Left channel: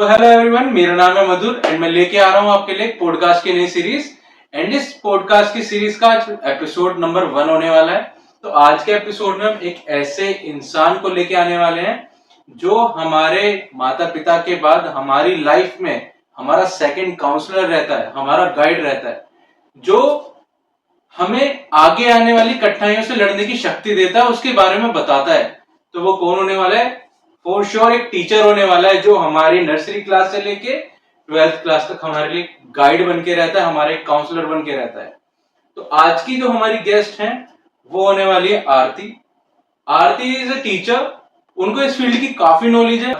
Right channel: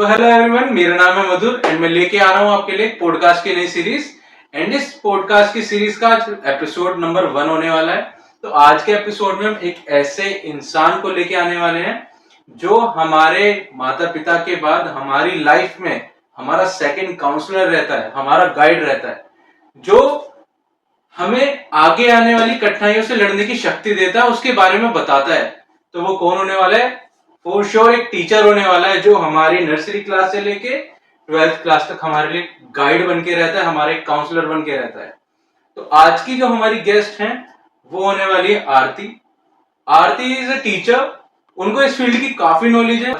तो hello everyone, मेरा नाम है मधुर एंड मैं लेके आ रहा हूँ आपके लिए पॉडकास्ट की नई सीरीज। एंड इस पॉडकास्ट की सीरीज का एपिसोड नंबर 1 होने वाला है। तो आज के एपिसोड में हम एक ऐसे इंसान को लेके आने वाले हैं जो हमारे माता पिता के बाद हमारी लाइफ में हमारा सेकंड काउंसलर रहता है, हमारा गाइड रहता है, जो हमें आगे आने वाली कठिनाइयों से लड़ने की शक्ति देता है, उसके बारे में बताता है। तो वो कौन होने वाला है? फॉर श्योर एक टीचर होने वाला है जो हमारी नर्सरी क्लास से लेके 12th क्लास तक हमारे लिए गाइड बन के रहता है, हमारे काउंसलर बन के रहता है। तो आज की जो हमारी गेस्ट हैं वो होने वाली है आरती। आरती इज अ टीचर, उनको इस फील्ड की काफी नॉलेज है।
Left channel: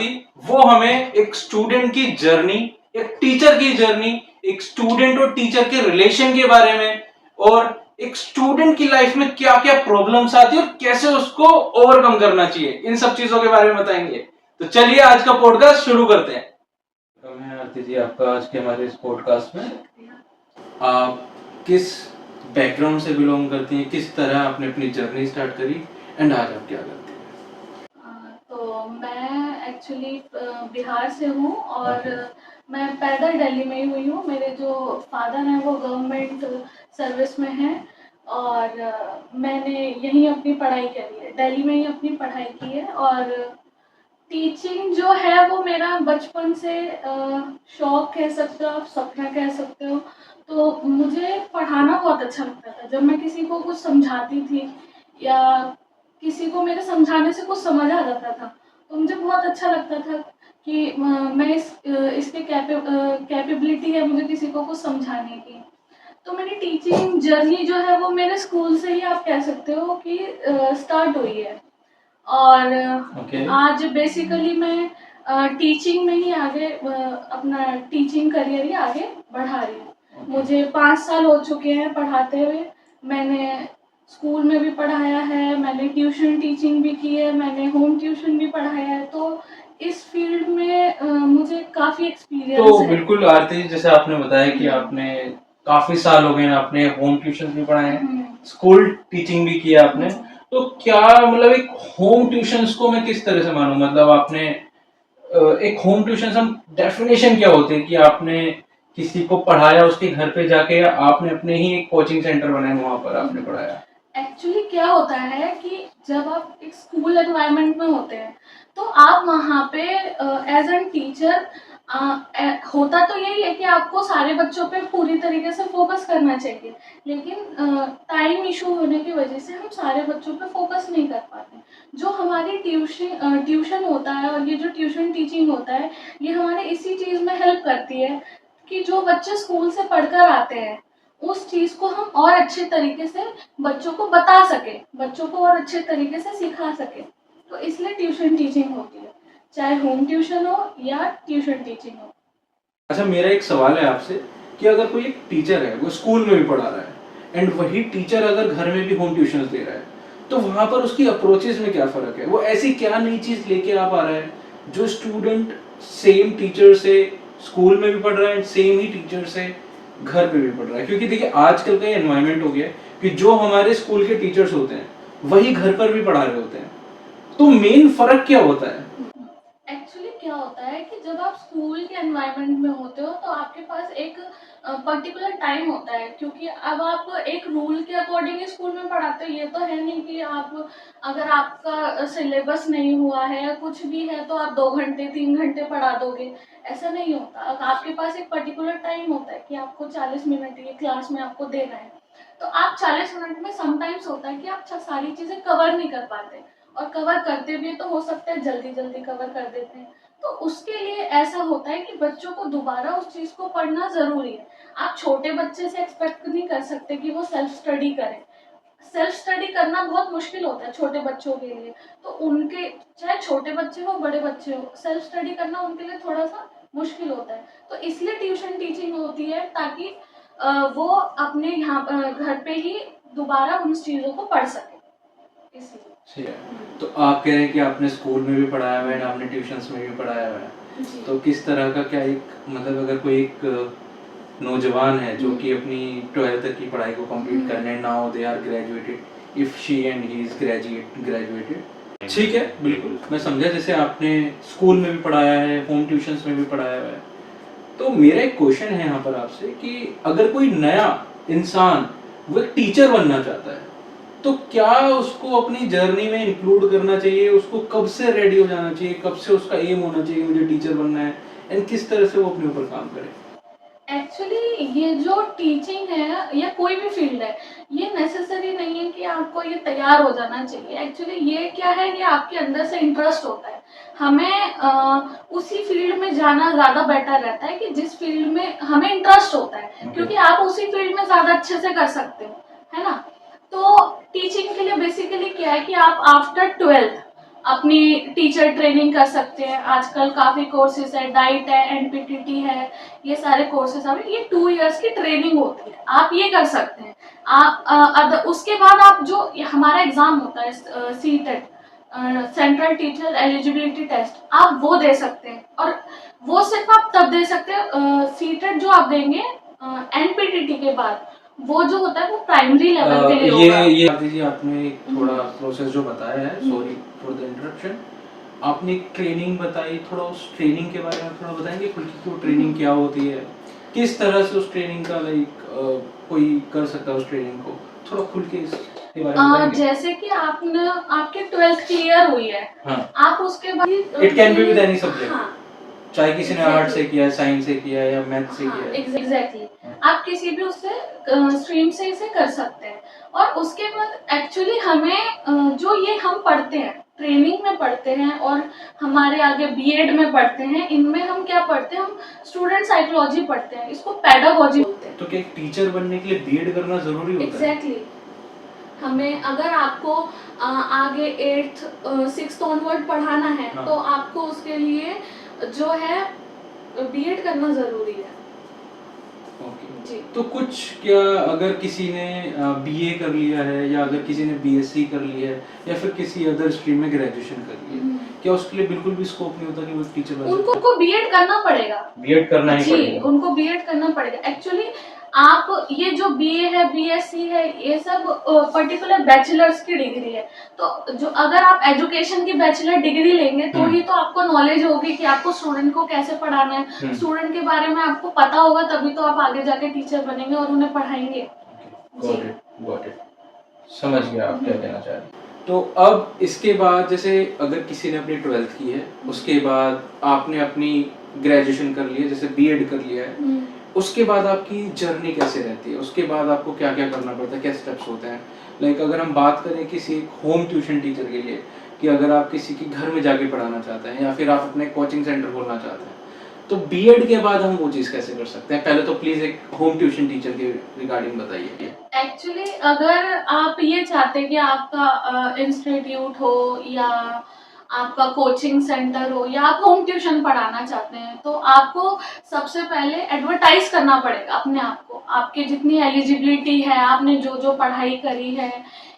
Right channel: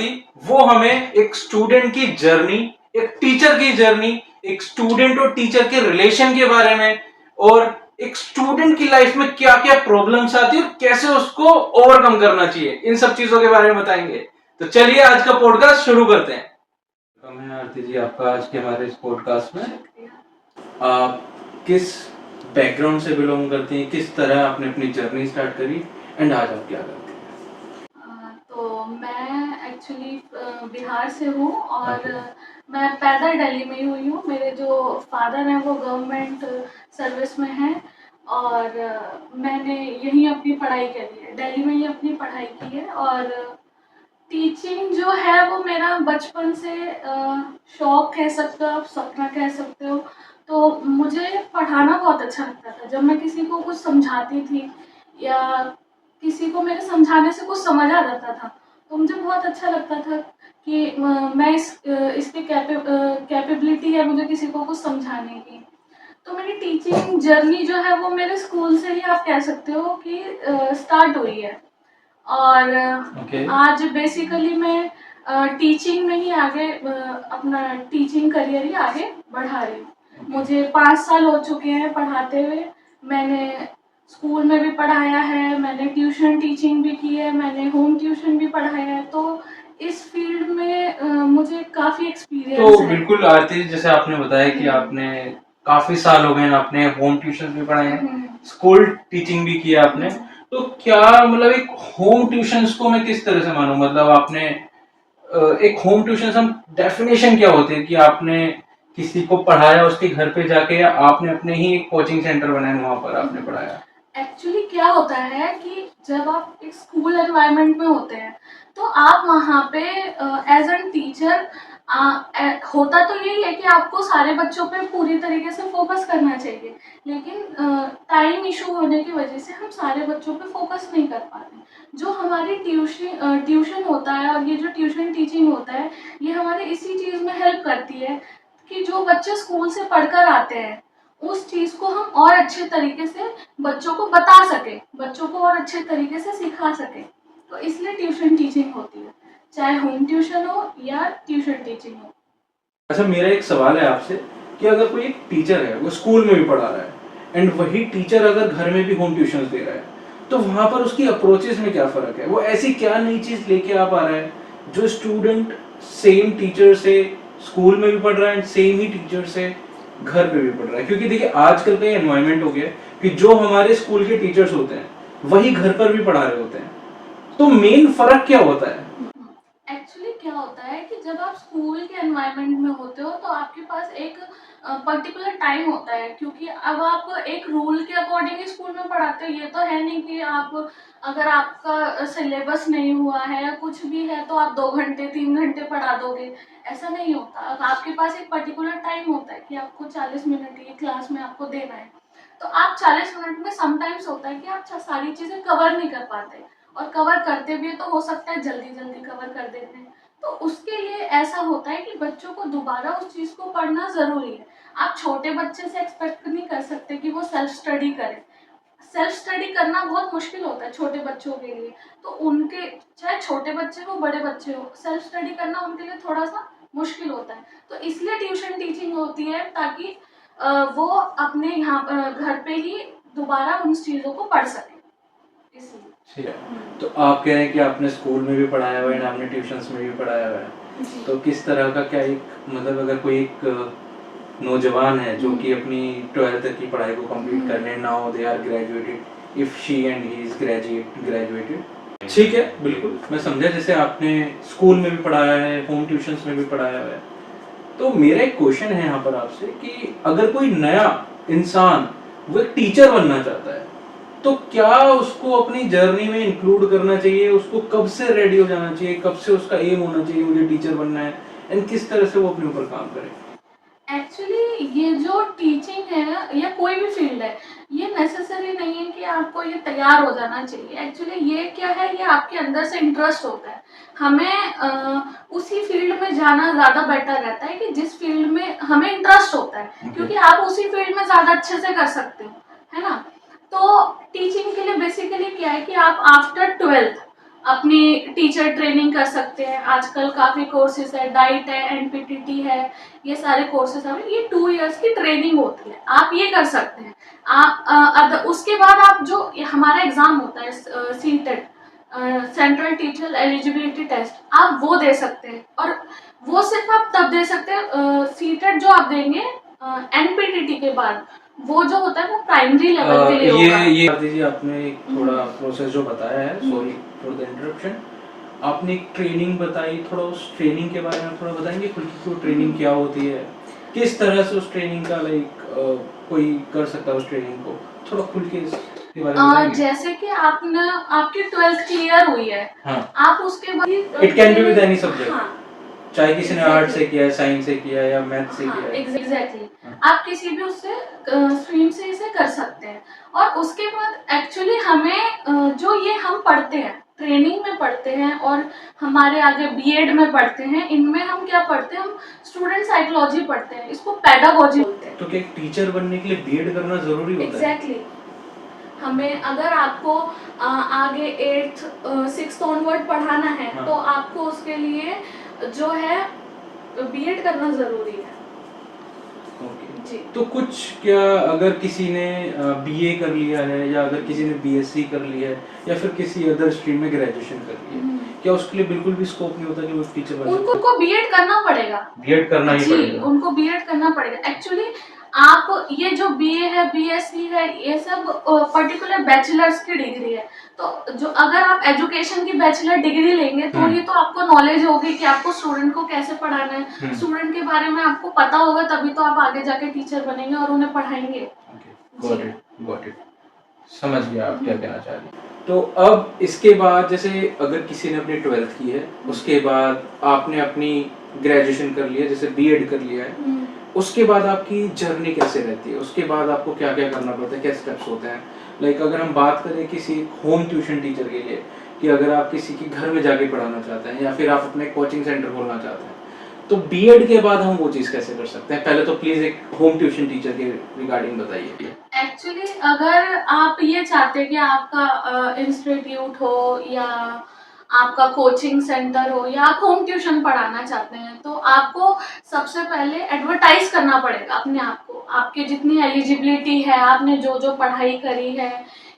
वो हमें एक स्टूडेंट की जर्नी, एक टीचर की जर्नी, एक स्टूडेंट और टीचर के रिलेशन के बारे में, और एक स्टूडेंट की लाइफ में क्या क्या प्रॉब्लम्स आती है और कैसे उसको ओवरकम करना चाहिए, इन सब चीजों के बारे में बताएंगे। तो चलिए आज का पॉडकास्ट शुरू करते हैं। वेलकम है आरती जी आपका आज के हमारे इस पॉडकास्ट में। आप किस बैकग्राउंड से बिलोंग करती हैं, किस तरह आपने अपनी जर्नी स्टार्ट करी एंड आज आप क्या करती हैं? तो मैं एक्चुअली बिहार से हूँ और Okay. मैं पैदा दिल्ली में ही हुई हूँ। मेरे जो फादर हैं वो गवर्नमेंट सर्विस में हैं और मैंने यहीं अपनी पढ़ाई करी है, दिल्ली में ही अपनी पढ़ाई की है। और टीचिंग जो है वो मेरा बचपन से शौक कह सकते हो आप, सपना कह सकते हो। तो मुझे पढ़ाना बहुत अच्छा लगता था। जब मैं किसी को कुछ समझाती थी या किसी को मेरे समझाने से कुछ समझ आ जाता था तो मुझे बहुत अच्छा लगता था कि मैं इसके कैपेबिलिटी है मुझे किसी को कुछ समझाने की। तो मेरी टीचिंग जर्नी जो है वो मेरे स्कूल से ही आप कह सकते हो कि स्टार्ट हुई है। और Okay. आज बेसिकली मैं टीचिंग में ही आगे अपना टीचिंग करियर ही आगे बढ़ा रही हूँ। Okay. मुझे 5 साल हो चुके हैं पढ़ाते हुए। मैंने स्कूल में भी पढ़ाया है, मैंने ट्यूशन टीचिंग भी की है, मैंने होम ट्यूशन भी पढ़ाया है। तो इस फील्ड में मुझे काफ़ी एक्सपीरियंस तो है। बिल्कुल आरती, जैसे आपने बताया कि आपने काफी साल हो गए, आपने होम ट्यूशन भी पढ़ाए हैं, स्कूल टीचिंग भी किया आपने। तो क्या मतलब एक होम ट्यूशंस को मैं किस तरह से मानूं? मतलब आपने एक होम ट्यूशन हम डेफिनेशन क्या होती है कि आपने किसी को पढ़ाया उसके घर पे जाके, या आपने अपने ही एक कोचिंग सेंटर बनाया वहां पर आपने पढ़ाया? एक्चुअली क्या होता है कि जब आप एक स्कूल एनवायरनमेंट में होते हैं तो आप वहाँ पे एज एन टीचर होता तो यही है कि आपको सारे बच्चों पे पूरी तरीके से फोकस करना चाहिए। लेकिन टाइम इशू होने की वजह से हम सारे बच्चों पे फोकस नहीं कर पाते। जो हमारी ट्यूशन होता है और ये जो ट्यूशन टीचिंग होता है ये हमारे इसी चीज़ में हेल्प करती है कि जो बच्चे स्कूल से पढ़कर आते हैं उस चीज़ को हम और अच्छे तरीके से बच्चों को बता सके, बच्चों को और अच्छे तरीके से सिखा सके। तो इसलिए ट्यूशन टीचिंग होती है, चाहे होम ट्यूशन हो या ट्यूशन टीचिंग हो। अच्छा, मेरा एक सवाल है आपसे कि अगर कोई एक टीचर है, वो स्कूल में भी पढ़ा रहा है एंड वही टीचर अगर घर में भी होम ट्यूशन दे रहा है, तो वहां पर उसकी अप्रोचेस में क्या फर्क है? वो ऐसी क्या नई चीज लेके आ पा रहा है जो स्टूडेंट सेम टीचर से स्कूल में भी पढ़ रहा है, सेम ही टीचर से घर पे भी पढ़ रहा है? क्योंकि देखिए आजकल का ये एनवायरमेंट हो गया कि जो हमारे स्कूल के टीचर्स होते हैं वही घर पर भी पढ़ा रहे होते हैं। तो मेन फर्क क्या होता है? एक्चुअली क्या होता है कि जब आप स्कूल के एनवायरनमेंट में होते हो तो आपके पास एक पर्टिकुलर टाइम होता है, क्योंकि अब आप एक रूल के अकॉर्डिंग स्कूल में पढ़ाते हो। ये तो है नहीं कि आप अगर आपका सिलेबस नहीं हुआ है या कुछ भी है तो आप 2 घंटे 3 घंटे पढ़ा दोगे, ऐसा नहीं होता। अब आपके पास एक पर्टिकुलर टाइम होता है कि आपको 40 मिनट ये क्लास में आपको देना है। तो आप 40 मिनट में समटाइम्स होता है कि आप सारी चीज़ें कवर नहीं कर पाते, और कवर करते भी तो हो सकता है जल्दी जल्दी कवर कर देते हैं। तो उसके लिए ऐसा होता है कि बच्चों को दोबारा उस चीज़ को पढ़ना ज़रूरी है। आप छोटे बच्चे से एक्सपेक्ट नहीं कर सकते कि वो सेल्फ स्टडी करे। सेल्फ स्टडी करना बहुत मुश्किल होता है छोटे बच्चों के लिए। तो उनके, चाहे छोटे बच्चे हो बड़े बच्चे हो, सेल्फ स्टडी करना उनके लिए थोड़ा सा मुश्किल होता है। तो इसलिए ट्यूशन टीचिंग होती है ताकि वो अपने यहाँ घर पे ही दोबारा उन चीज़ों को पढ़ सके, इसलिए। ठीक है। तो आप कह रहे हैं कि आपने स्कूल में भी पढ़ाया हुआ है, आपने ट्यूशंस में भी पढ़ाया हुआ है। तो किस तरह का क्या एक मतलब अगर कोई एक नौजवान है जो कि अपनी 12th तक की पढ़ाई को कंप्लीट करने, now they are graduated, if she and he is graduated, ठीक है, बिल्कुल मैं समझा। जैसे आपने स्कूल में भी पढ़ाया है, होम ट्यूशंस में भी पढ़ाया हुआ है, तो मेरा एक क्वेश्चन है यहाँ पर आपसे कि अगर कोई नया इंसान वो एक टीचर बनना चाहता है, तो क्या उसको अपनी जर्नी में इंक्लूड करना चाहिए? उसको कब से रेडी हो जाना चाहिए? कब से उसका एम होना चाहिए मुझे टीचर बनना है, एंड किस तरह से वो अपने ऊपर काम करे? एक्चुअली ये जो टीचिंग है या कोई भी फील्ड है, ये नेसेसरी नहीं है कि आपको ये तैयार हो जाना चाहिए। एक्चुअली ये क्या है, ये आपके अंदर से इंटरेस्ट होता है। हमें उसी फील्ड में जाना ज़्यादा बेटर रहता है कि जिस फील्ड में हमें इंटरेस्ट होता है, क्योंकि आप उसी फील्ड में ज़्यादा अच्छे से कर सकते हो, है ना? तो टीचिंग के लिए बेसिकली क्या है कि आप आफ्टर 12th अपनी टीचर ट्रेनिंग कर सकते हैं। आजकल काफ़ी कोर्सेज है, डाइट है, एनपीटीटी है, ये सारे कोर्सेज हैं। ये 2 इयर्स की ट्रेनिंग होती है, आप ये कर सकते हैं। आप उसके बाद आप जो हमारा एग्ज़ाम होता है CTET, central teacher eligibility test, आप वो दे सकते हैं। और वो सिर्फ आप तब दे सकते हैं, सीटेट जो आप देंगे एनपीटीटी के बाद, वो जो होता है वो प्राइमरी लेवल के लिए होगा। ये दीजिए, आपने एक थोड़ा प्रोसेस जो बताया है, सॉरी फॉर द इंटरप्शन, आपने एक ट्रेनिंग बताई, थोड़ा उस ट्रेनिंग के बारे में थोड़ा बताएंगे खुल की? ट्रेनिंग क्या होती है, किस तरह से उस ट्रेनिंग का कोई कर सकता है उस ट्रेनिंग को? थोड़ा खुल के इसके बारे में बताएंगे? जैसे कि आपने आपकी 12th क्लियर हुई है, हाँ, आप उसके बाद it can be with any subject, हाँ, चाहे किसी ने आर्ट एग्जैक्टली से किया है, साइंस से किया है या मैथ से हाँ, किया है। एग्जैक्टली हाँ। आप किसी भी उससे स्ट्रीम से इसे कर सकते हैं। और उसके बाद एक्चुअली हमें जो ये हम पढ़ते हैं, ट्रेनिंग में पढ़ते हैं और हमारे आगे बीएड में पढ़ते हैं, इनमें हम क्या पढ़ते हैं, हम स्टूडेंट साइकोलॉजी पढ़ते हैं, इसको पेडागोजी बोलते हैं। तो क्या एक टीचर बनने के लिए बीएड करना जरूरी होता है? एग्जैक्टली हमें अगर आपको आगे 8th 6th ऑनवर्ड पढ़ाना है, हाँ। तो आपको उसके लिए जो है बीएड करना ज़रूरी है। ओके। जी। तो कुछ क्या, अगर किसी ने बीए कर लिया है या अगर किसी ने बीएससी कर लिया है या फिर किसी अदर स्ट्रीम में ग्रेजुएशन कर लिया है, क्या उसके लिए बिल्कुल भी स्कोप नहीं होता कि वो टीचर बन उनको सकते उनको बीएड करना पड़ेगा। बीएड करना ही जी, पड़ेगा? उनको बीएड करना पड़ेगा। एक्चुअली आप ये जो बीए है, बीएससी है, ये सब पर्टिकुलर बैचलर्स की डिग्री है। तो जो अगर आप एजुकेशन की बैचलर डिग्री लेंगे, तो ही तो आपको नॉलेज होगी कि आपको स्टूडेंट को कैसे पढ़ाना है, स्टूडेंट के बारे में आपको पता होगा, तभी तो आप आगे जाके टीचर बनेंगे और उन्हें पढ़ाएंगे। गॉट इट, समझ गया आप क्या कहना चाह रहे हैं। तो अब इसके बाद, जैसे अगर किसी ने अपनी 12th की है, उसके बाद आपने अपनी ग्रेजुएशन कर लिया, जैसे बीएड कर लिया है, उसके बाद आपकी जर्नी कैसे रहती है? उसके बाद आपको क्या क्या करना पड़ता है, क्या स्टेप्स होते हैं? अगर हम बात करें किसी होम ट्यूशन टीचर के लिए, कि अगर आप किसी के घर में जाके पढ़ाना चाहते हैं या फिर आप अपने कोचिंग सेंटर खोलना चाहते हैं, तो बीएड के बाद हम वो चीज़ कैसे कर सकते हैं? पहले तो प्लीज एक होम ट्यूशन टीचर के रिगार्डिंग बताइए। एक्चुअली अगर आप ये चाहते हैं कि आपका इंस्टीट्यूट हो या आपका कोचिंग सेंटर हो या आप होम ट्यूशन पढ़ाना चाहते हैं, तो आपको सबसे पहले एडवर्टाइज करना पड़ेगा अपने आप को। आपकी जितनी एलिजिबिलिटी है, आपने जो जो पढ़ाई करी है,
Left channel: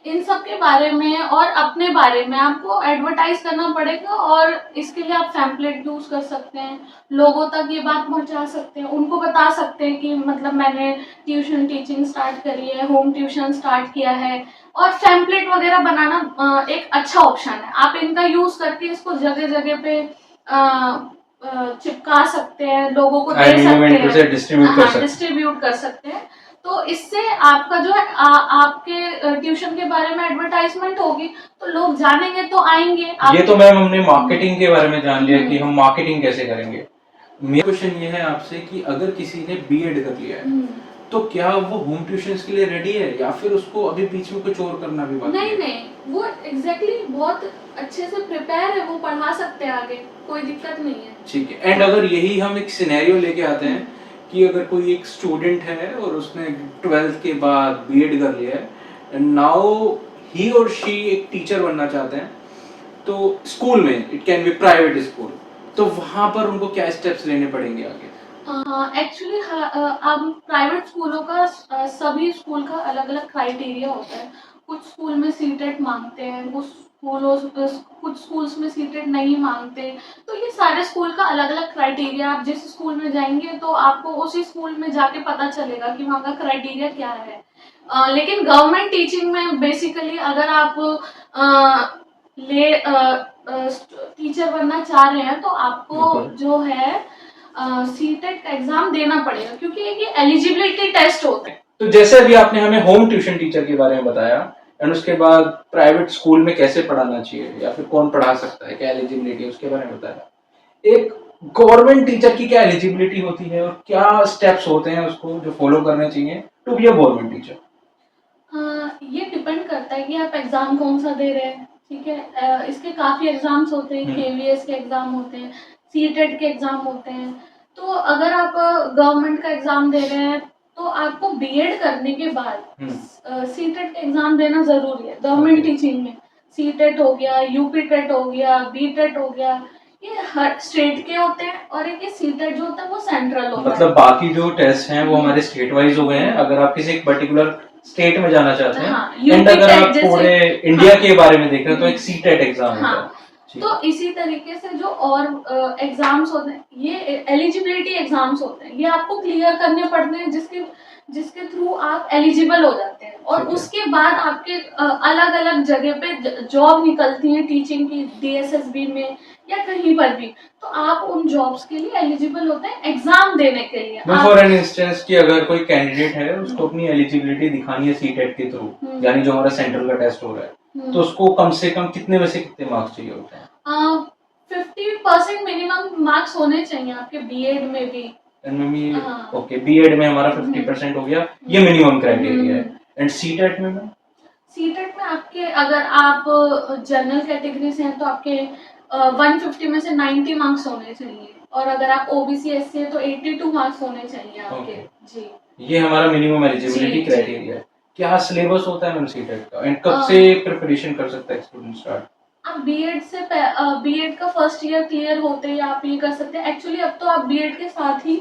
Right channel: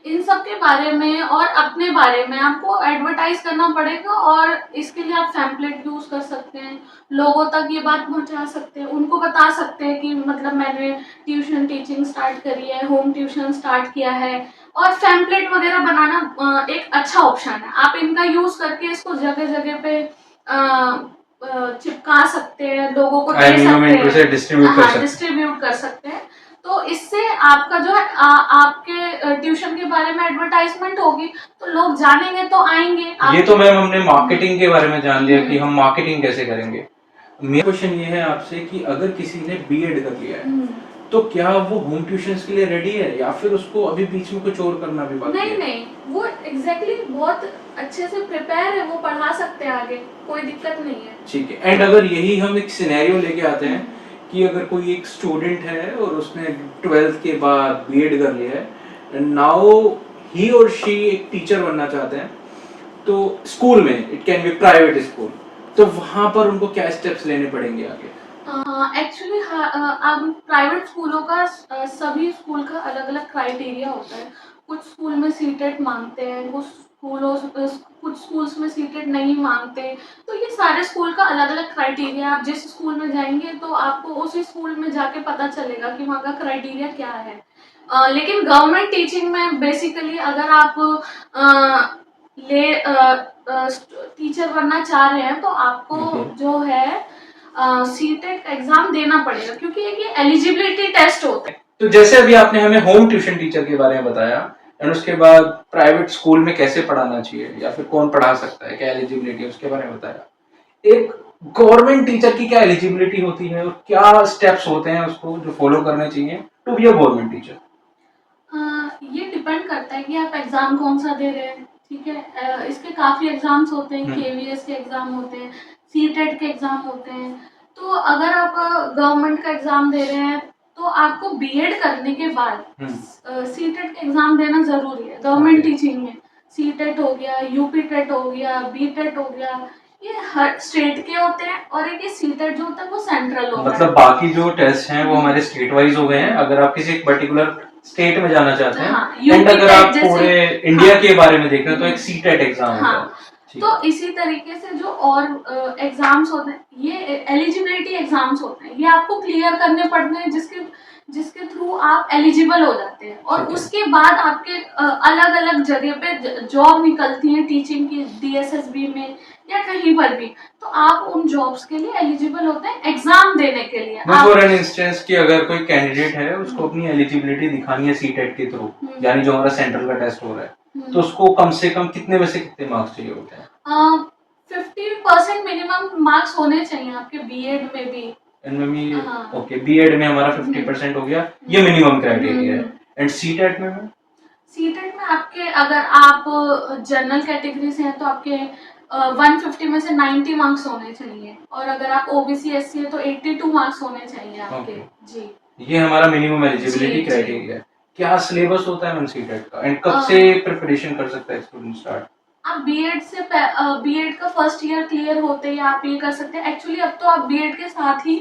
इन सब के बारे में और अपने बारे में आपको एडवर्टाइज करना पड़ेगा। और इसके लिए आप पैम्पलेट यूज़ कर सकते हैं, लोगों तक ये बात पहुंचा सकते हैं, उनको बता सकते हैं कि मतलब मैंने ट्यूशन टीचिंग स्टार्ट करी है, होम ट्यूशन स्टार्ट किया है। और पैम्पलेट वगैरह बनाना एक अच्छा ऑप्शन है। आप इनका यूज़ करके इसको जगह जगह पे चिपका सकते हैं, लोगों को दे सकते हैं, डिस्ट्रीब्यूट कर सकते हैं। तो इससे आपका जो है आपके ट्यूशन के बारे में एडवर्टाइजमेंट होगी, तो लोग जानेंगे तो आएंगे। ये तो मैम हमने मार्केटिंग के बारे में जान लिया कि हम मार्केटिंग कैसे करेंगे। मेरा क्वेश्चन ये है आपसे कि अगर किसी ने बीएड कर लिया है, तो क्या वो होम ट्यूशंस के लिए रेडी है या फिर उसको अभी बीच में कुछ और करना भी बाकी है? नहीं, वो एग्जैक्टली बहुत अच्छे से प्रिपेयर है, वो पढ़ा सकते हैं आगे, कोई दिक्कत नहीं है। ठीक है। एंड अगर यही हम एक सिनेरियो लेके आते हैं कि अगर कोई एक स्टूडेंट है और उसने 12th के बाद बीएड कर लिया है एंड नाउ ही और शी एक टीचर बनना चाहते हैं, तो स्कूल में, it can be private school, तो वहां पर उनको क्या स्टेप्स लेने पड़ेंगे आगे? एक्चुअली अब प्राइवेट स्कूलों का सभी स्कूल का अलग अलग क्राइटेरिया होता है। कुछ स्कूल में सीटेट मांगते हैं, कुछ स्कूल्स में सीटेट नहीं मांगते। तो ये सारे स्कूल का अलग अलग क्राइटेरिया, आप जिस स्कूल में जाएंगे तो आपको उसी स्कूल में जाके पता चलेगा कि वहाँ का क्राइटेरिया क्या है। लेकिन गवर्नमेंट टीचिंग में बेसिकली अगर आप टीचर बनना चाह रहे हैं तो आपको बिल्कुल। जो है सीटेट का एग्जाम देना पड़ेगा, क्योंकि ये एलिजिबिलिटी टेस्ट होता है। तो जैसे अभी आपने हमें होम ट्यूशन टीचर के बारे में बताया, एंड उसके बाद प्राइवेट स्कूल में कैसे पढ़ाना चाहिए या फिर कौन पढ़ा सकता है, क्या एलिजिबिलिटी है, उसके बारे में बताया। एक गवर्नमेंट टीचर की क्या एलिजिबिलिटी होती है और क्या स्टेप्स होते हैं उसको जो फॉलो करने चाहिए to be a government teacher? ये डिपेंड करता है कि आप एग्ज़ाम कौन सा दे रहे हैं, ठीक है। इसके काफ़ी एग्ज़ाम्स होते हैं, केवीएस के एग्ज़ाम होते हैं, सीटेट के एग्ज़ाम होते हैं। तो अगर आप गवर्नमेंट का एग्ज़ाम दे रहे हैं तो आपको बीएड करने के बाद सीटेट का एग्ज़ाम देना ज़रूरी है गवर्नमेंट Okay. टीचिंग में। सीटेट हो गया, यूपी टेट हो गया, बीटेट हो गया, ये हर स्टेट के होते हैं, और एक ये सीटेट जो होता है वो सेंट्रल होता है। मतलब बाकी जो टेस्ट हैं वो हमारे स्टेट वाइज हो गए हैं, अगर आप किसी एक पर्टिकुलर स्टेट में जाना चाहते हैं, हाँ, एंड यूपी अगर टेट आप जैसे, पूरे इंडिया हाँ, के बारे में देख रहे हैं तो एक सीटेट एग्जाम होता है। हाँ, ठीक तो इसी तरीके से जो और एग्जाम्स होते हैं, ये एलिजिबिलिटी एग्जाम्स होते हैं, ये आपको क्लियर करने पड़ते हैं, जिसके जिसके थ्रू आप एलिजिबल हो जाते हैं। और ठीक है। उसके बाद आपके अलग अलग जगह पे जॉब निकलती हैं टीचिंग की, डीएसएसबी में या कहीं पर भी। तो आप उन जॉब्स के लिए एलिजिबल होते हैं एग्जाम देने के लिए। मैं आप फॉर एन इंस्टेंस कि अगर कोई कैंडिडेट है उसको अपनी एलिजिबिलिटी दिखानी है सीटेट के थ्रू, यानी जो हमारा सेंट्रल का टेस्ट हो रहा है, तो उसको कम से कम कितने में से कितने मार्क्स चाहिए होते हैं? 50% मिनिमम मार्क्स होने चाहिए आपके बीएड में भी। हाँ। ओके, बीएड में हमारा 50% हो गया, ये मिनिमम क्राइटेरिया है। हम्म। एंड सीटेट में मैम? सीटेट में आपके, अगर आप जनरल कैटेगरी से हैं तो आपके 150 में से 90 मार्क्स होने चाहिए, और अगर आप ओबीसी एससी है तो 82 मार्क्स होने चाहिए आपके। जी, ये हमारा मिनिमम एलिजिबिलिटी जी, क्राइटेरिया है। क्या सिलेबस होता है मैम सीटेट का, एंड कब अ, से प्रिपरेशन कर सकता है स्टूडेंट स्टार्ट? आप बीएड का फर्स्ट ईयर क्लियर होते ही आप ये कर सकते हैं। एक्चुअली अब तो आप बीएड के साथ ही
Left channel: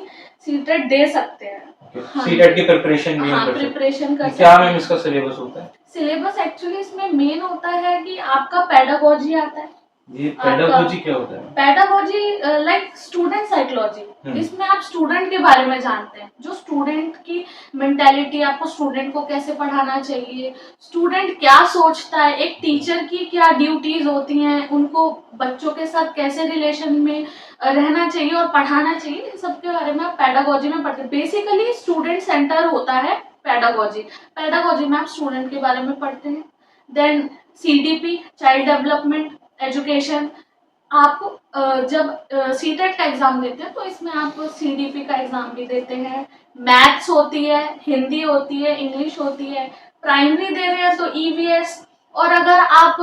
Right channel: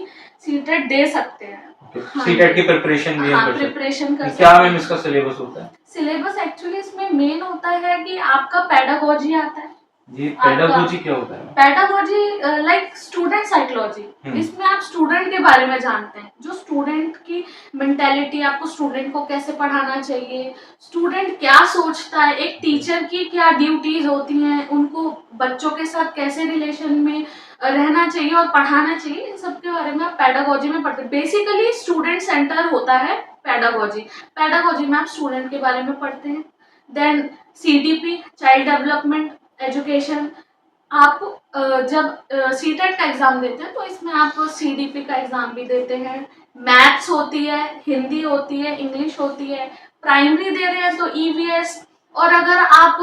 सीटेट दे सकते हैं। हाँ, सीटेट की प्रिपरेशन भी हम कर सकते प्रिपरेशन कर हैं। सकते क्या हैं। मैम इसका सिलेबस होता है? सिलेबस एक्चुअली इसमें मेन होता है कि आपका पेडागोजी आता है। ये पेडागोजी क्या होता है? Pedagogy like student psychology. इसमें आप स्टूडेंट के बारे में जानते हैं, जो स्टूडेंट की मेंटेलिटी, आपको स्टूडेंट को कैसे पढ़ाना चाहिए, स्टूडेंट क्या सोचता है, एक टीचर की क्या ड्यूटीज होती हैं, उनको बच्चों के साथ कैसे रिलेशन में रहना चाहिए और पढ़ाना चाहिए, इन सब के बारे में आप पेडागोजी में पढ़ते हैं। बेसिकली स्टूडेंट सेंटर होता है पेडागोजी। पेडागोजी में आप स्टूडेंट के बारे में पढ़ते हैं। Then CDP, child development education. आप जब सीटेट का एग्जाम देते हैं तो इसमें आप सीडीपी का एग्जाम भी देते हैं। मैथ्स होती है, हिंदी होती है, इंग्लिश होती है। प्राइमरी दे रहे हैं तो ईवीएस, और अगर आप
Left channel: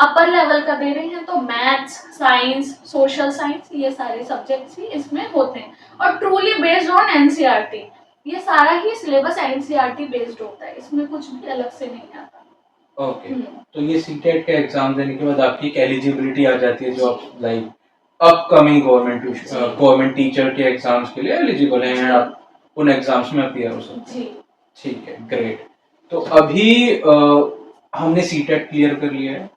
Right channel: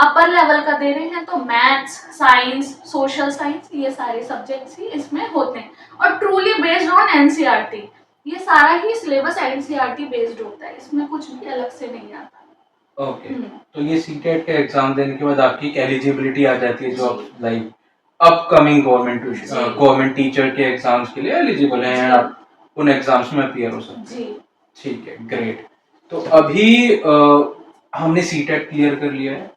अपर लेवल का दे रहे हैं तो मैथ्स, साइंस, सोशल साइंस, ये सारे सब्जेक्ट्स ही इसमें होते हैं। और ट्रूली बेस्ड ऑन एनसीईआरटी, ये सारा ही सिलेबस एनसीईआरटी बेस्ड होता है, इसमें कुछ भी अलग से नहीं आता। ओके, तो ये सीटेट का एग्जाम देने के बाद आपकी एलिजिबिलिटी आ जाती है, जो आप लाइक अपकमिंग गवर्नमेंट टीचर के एग्जाम्स के लिए एलिजिबल हैं, एंड आप उन एग्जाम्स में अपीयर हो सकते हैं। जी, ठीक है, ग्रेट। तो अभी हमने सीटेट क्लियर कर लिया है,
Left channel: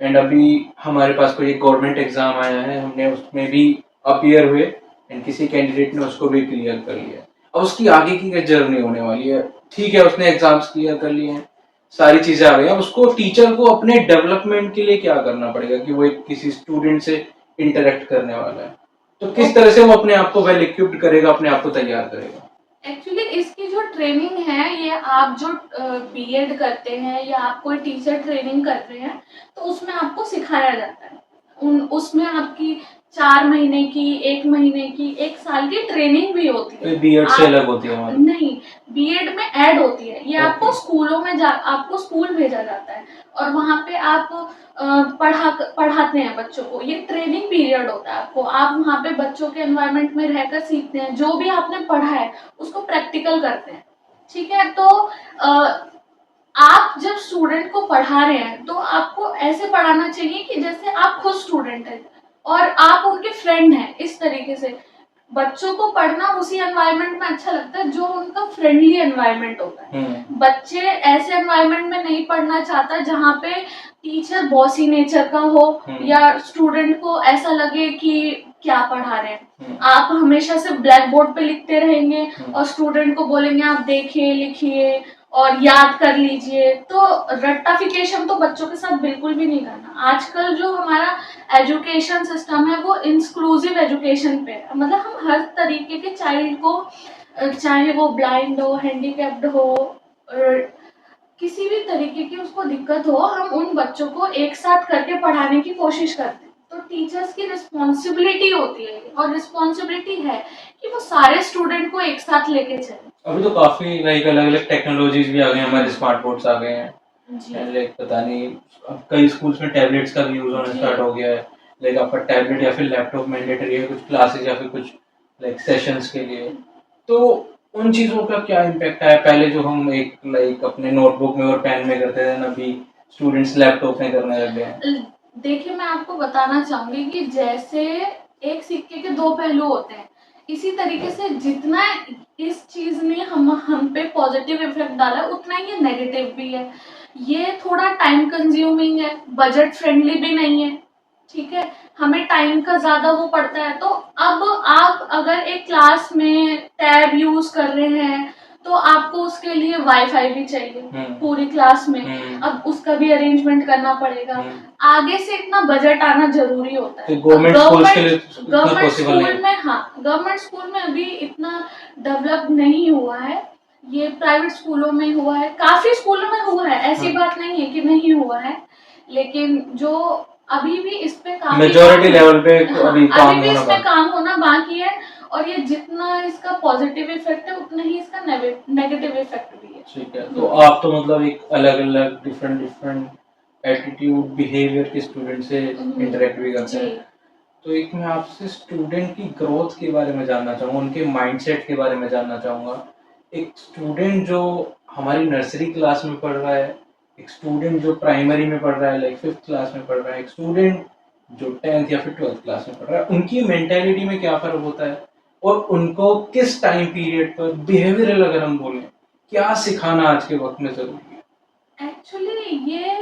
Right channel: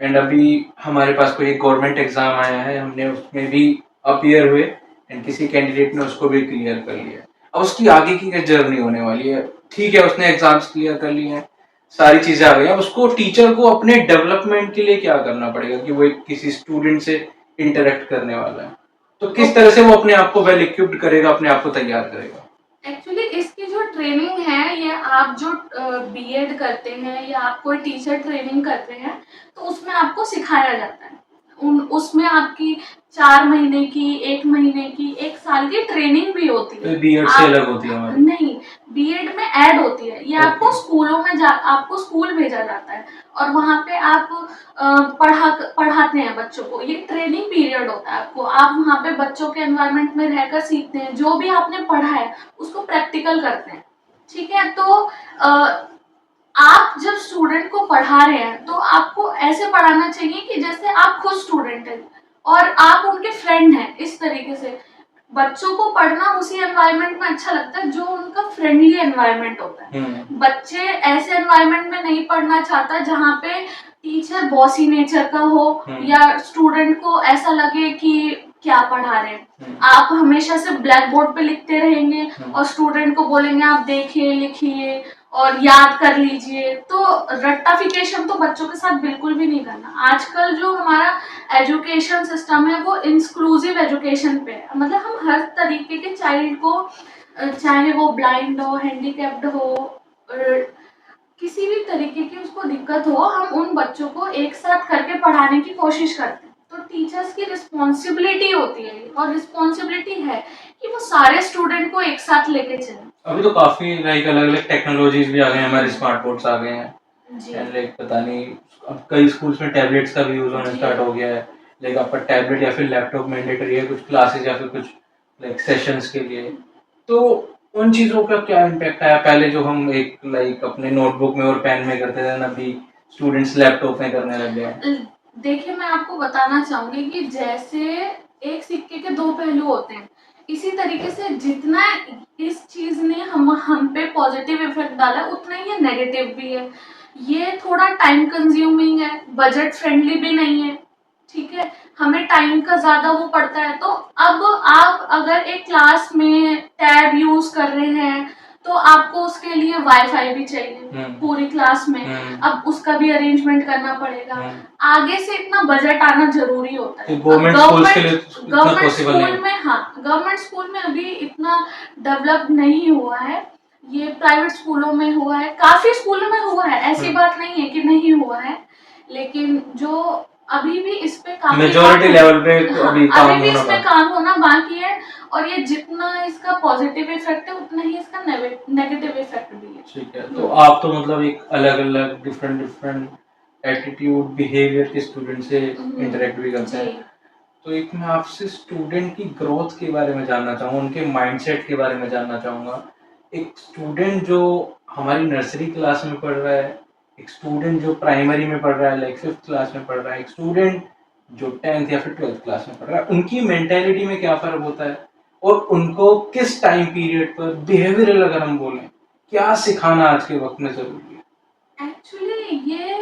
एंड अभी हमारे पास कोई एक गवर्नमेंट एग्जाम आया है, हमने उसमें भी अपीयर हुए, एंड किसी कैंडिडेट ने उसको भी क्लियर कर लिया है। अब उसकी आगे की क्या जर्नी होने वाली है? ठीक है, उसने एग्जाम्स क्लियर कर लिए हैं, सारी चीजें आ गई, अब उसको टीचर को अपने डेवलपमेंट के लिए क्या करना पड़ेगा कि वो एक किसी स्टूडेंट से इंटरेक्ट करने वाला है, तो किस तरह से वो अपने आप को वेल इक्विप्ड करेगा, अपने आप को तैयार करेगा? एक्चुअली इसकी जो ट्रेनिंग है, ये आप जो बीएड करते हैं या आप कोई टीचर ट्रेनिंग करते हैं तो उसमें आपको सिखाया जाता है। उसमें आपकी 4 महीने की, 1 महीने की, 1 साल की ट्रेनिंग भी होती है। बीएड से अलग होती है हमारी? नहीं, बीएड में ऐड होती है ये। आपको स्कूलों में आपको स्कूल भेजा जाता है और वहाँ पे आप पढ़ाते हैं बच्चों को। ये ट्रेनिंग पीरियड होता है आपको, आप वहाँ पे बच्चों के एनवायरनमेंट में रहकर सीखते हैं, जो भी आपने पढ़ा है उसको प्रैक्टिकल करते हैं। ठीक है, तो आप जब स्टूडेंट को पढ़ा रहे हैं तो आपको ऐसे पढ़ाना चाहिए कि जैसे आप खुद स्टूडेंट हैं और आप उनके फ्रेंड हैं। इस तरीके से बच्चों को पढ़ना उसी एनवायरनमेंट में अच्छा लगता है जो उनका फ्रेंडली एनवायरनमेंट होता है। बच्चे ऐसे एनवायरनमेंट में नहीं पढ़ना चाहता जहाँ पे टीचर बॉसी नेचर का हो या स्टूडेंट को ऐसा लगे कि क्या पढ़ा रहे हैं। आप हमेशा से ब्लैक बोर्ड पे लिखते रहेंगे और स्टूडेंट को बोलेंगे आप देखिए, लिखिए, और याद कर लीजिए। तो रट्टाफिकेशन तो बच्चों के साथ बिल्कुल भी नहीं करना। आजकल जो हमारा एजुकेशन सिस्टम है वो इंक्लूसिव एजुकेशन पे है, मतलब हम हर तरीके के चाइल्ड को, चाहे वो ब्लाइंड हो, हैंडीकैप्ड हो, किसी भी तरीके की उसको दिक्कत हो, हम उन बच्चों को एक साथ करके पढ़ाने की कोशिश करते हैं। तो टीचर्स की रिस्पॉन्सिबिलिटी होती है और रिस्पॉन्सिबिलिटी है कि वो सारे स्टूडेंट को एक साथ लेके चलें। अभी तो काफी लाइक अलग अलग टेक्नोलॉजीज भी आ गए हैं, हमारे स्मार्ट बोर्ड्स आ गए हैं, जी लाइक पता नहीं अब कई स्कूल्स में टैबलेट्स का भी यूज होना जी स्टार्ट हो गया है। लाइक आपका टैबलेट या फिर लैपटॉप मैंडेटरी है कुछ क्लासेस या फिर कुछ लाइक सेशंस के लिए। तो उन चीजों का क्या इम्पैक्ट आया? पहले जो हम एक लाइक अपने नोटबुक में और पेन में करते थे, अभी स्टूडेंट्स लैपटॉप में करने लग गए हैं। देखिए, मैं आपको बताना चाहूंगी कि जैसे एक सिक्के के दो पहलू होते हैं, इसी तरीके से जितना इस चीज ने हम पे पॉजिटिव इफेक्ट डाला है, उतना ही ये नेगेटिव भी है। ये थोड़ा टाइम कंज्यूमिंग है, बजट फ्रेंडली भी नहीं है, ठीक है, हमें टाइम का ज्यादा वो पड़ता है। तो अब आप अगर एक क्लास में टैब यूज कर रहे हैं तो आपको उसके लिए वाईफाई भी चाहिए पूरी क्लास में, अब उसका भी अरेंजमेंट करना पड़ेगा। आगे से इतना बजट आना जरूरी होता है। गवर्नमेंट स्कूल्स के लिए इतना गवर्नमेंट पॉसिबल नहीं स्कूल है। में, हाँ, गवर्नमेंट स्कूल में अभी इतना डेवलप नहीं हुआ है, ये प्राइवेट स्कूलों में हुआ है, काफी स्कूलों में हुआ है, ऐसी बात नहीं है कि नहीं हुआ है, लेकिन जो अभी भी इस पे काफी मेजॉरिटी लेवल पे अभी अभी भी इस पे काम होना बाकी है। और ये जितना इसका पॉजिटिव इफेक्ट है उतना ही इसका नेगेटिव इफेक्ट भी है। ठीक है, तो आप तो मतलब एक अलग अलग डिफरेंट डिफरेंट एटीट्यूड बिहेवियर के स्टूडेंट से इंटरेक्ट भी करते हैं। तो एक मैं आपसे स्टूडेंट की ग्रोथ के बारे में जानना चाहूँगा, उनके माइंडसेट के बारे में जानना चाहूँगा। एक स्टूडेंट जो हमारी नर्सरी क्लास में पढ़ रहा है, एक स्टूडेंट जो प्राइमरी में पढ़ रहा है लाइक 5th क्लास में पढ़ रहा है, एक स्टूडेंट जो 10th या फिर 12th क्लास में पढ़ रहा है, उनकी मेंटेलिटी में क्या फ़र्क होता है? और उनको किस टाइम पीरियड पर बिहेवियरल अगर हम बोलें, क्या सिखाना आज के वक़्त में ज़रूरी है? एक्चुअली ये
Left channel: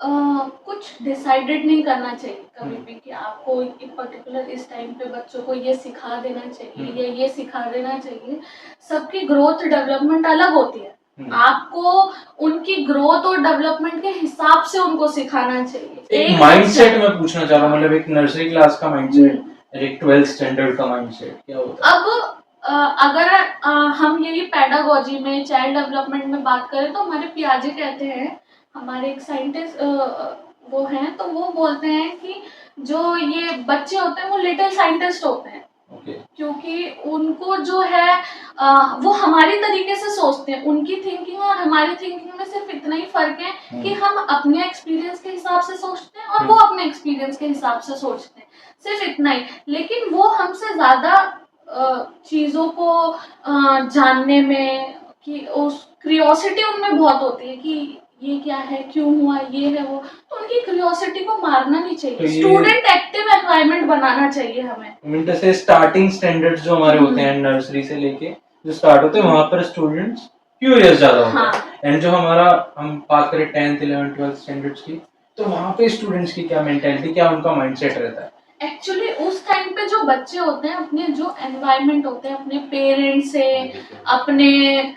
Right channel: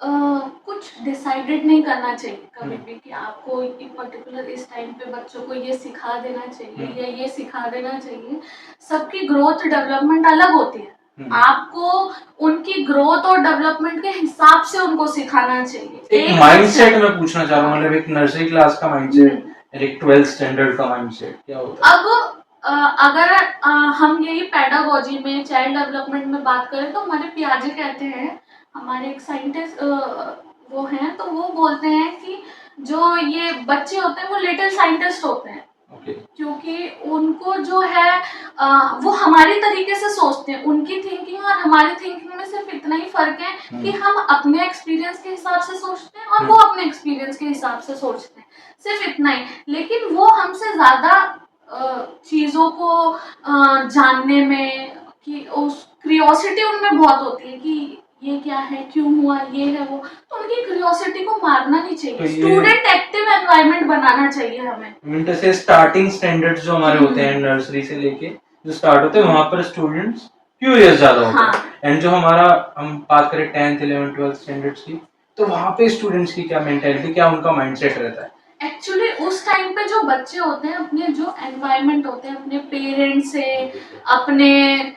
कुछ डिसाइडेड नहीं करना चाहिए कभी भी कि आपको एक पर्टिकुलर इस टाइम पे बच्चों को ये सिखा देना चाहिए या ये सिखा देना चाहिए। सबकी ग्रोथ डेवलपमेंट अलग होती है, आपको उनकी ग्रोथ और डेवलपमेंट के हिसाब से उनको सिखाना चाहिए। एक माइंडसेट मैं पूछना चाह रहा हूँ, मतलब एक नर्सरी क्लास का माइंडसेट, एक 12th स्टैंडर्ड का माइंडसेट क्या होता है? अब अगर हम यही पेडागोजी में, चाइल्ड डेवलपमेंट में बात करें तो हमारे पियाजे कहते हैं, हमारे एक साइंटिस्ट वो हैं, तो वो बोलते हैं कि जो ये बच्चे होते हैं वो लिटिल साइंटिस्ट होते हैं। क्योंकि उनको जो है वो हमारी तरीके से सोचते हैं, उनकी थिंकिंग और हमारी थिंकिंग में सिर्फ इतना ही फर्क है कि हम अपने एक्सपीरियंस के हिसाब से सोचते हैं और वो अपने एक्सपीरियंस के हिसाब से सोचते हैं, सिर्फ इतना ही। लेकिन वो हमसे ज्यादा चीजों को जानने में, कि उस क्यूरियोसिटी उनमें बहुत होती है कि ये क्या है, क्यों हुआ, ये है वो, तो उनकी क्यूरियोसिटी को मारना नहीं चाहिए। स्टूडेंट एक्टिव एनवायरनमेंट बनाना चाहिए हमें। मीन से स्टार्टिंग स्टैंडर्ड्स जो हमारे होते हैं नर्सरी से लेके जो स्टार्ट होते हैं वहां पर स्टूडेंट्स क्यूरियस ज्यादा होते हैं। एंड जो हमारा हम बात करें 10th 11th 12th स्टैंडर्ड्स की, तो वहां पे स्टूडेंट्स की क्या मेंटालिटी, क्या उनका माइंडसेट रहता है? एक्चुअली उस टाइम पे जो बच्चे होते हैं, अपने जो एनवायरनमेंट होते हैं, अपने पेरेंट्स से, अपने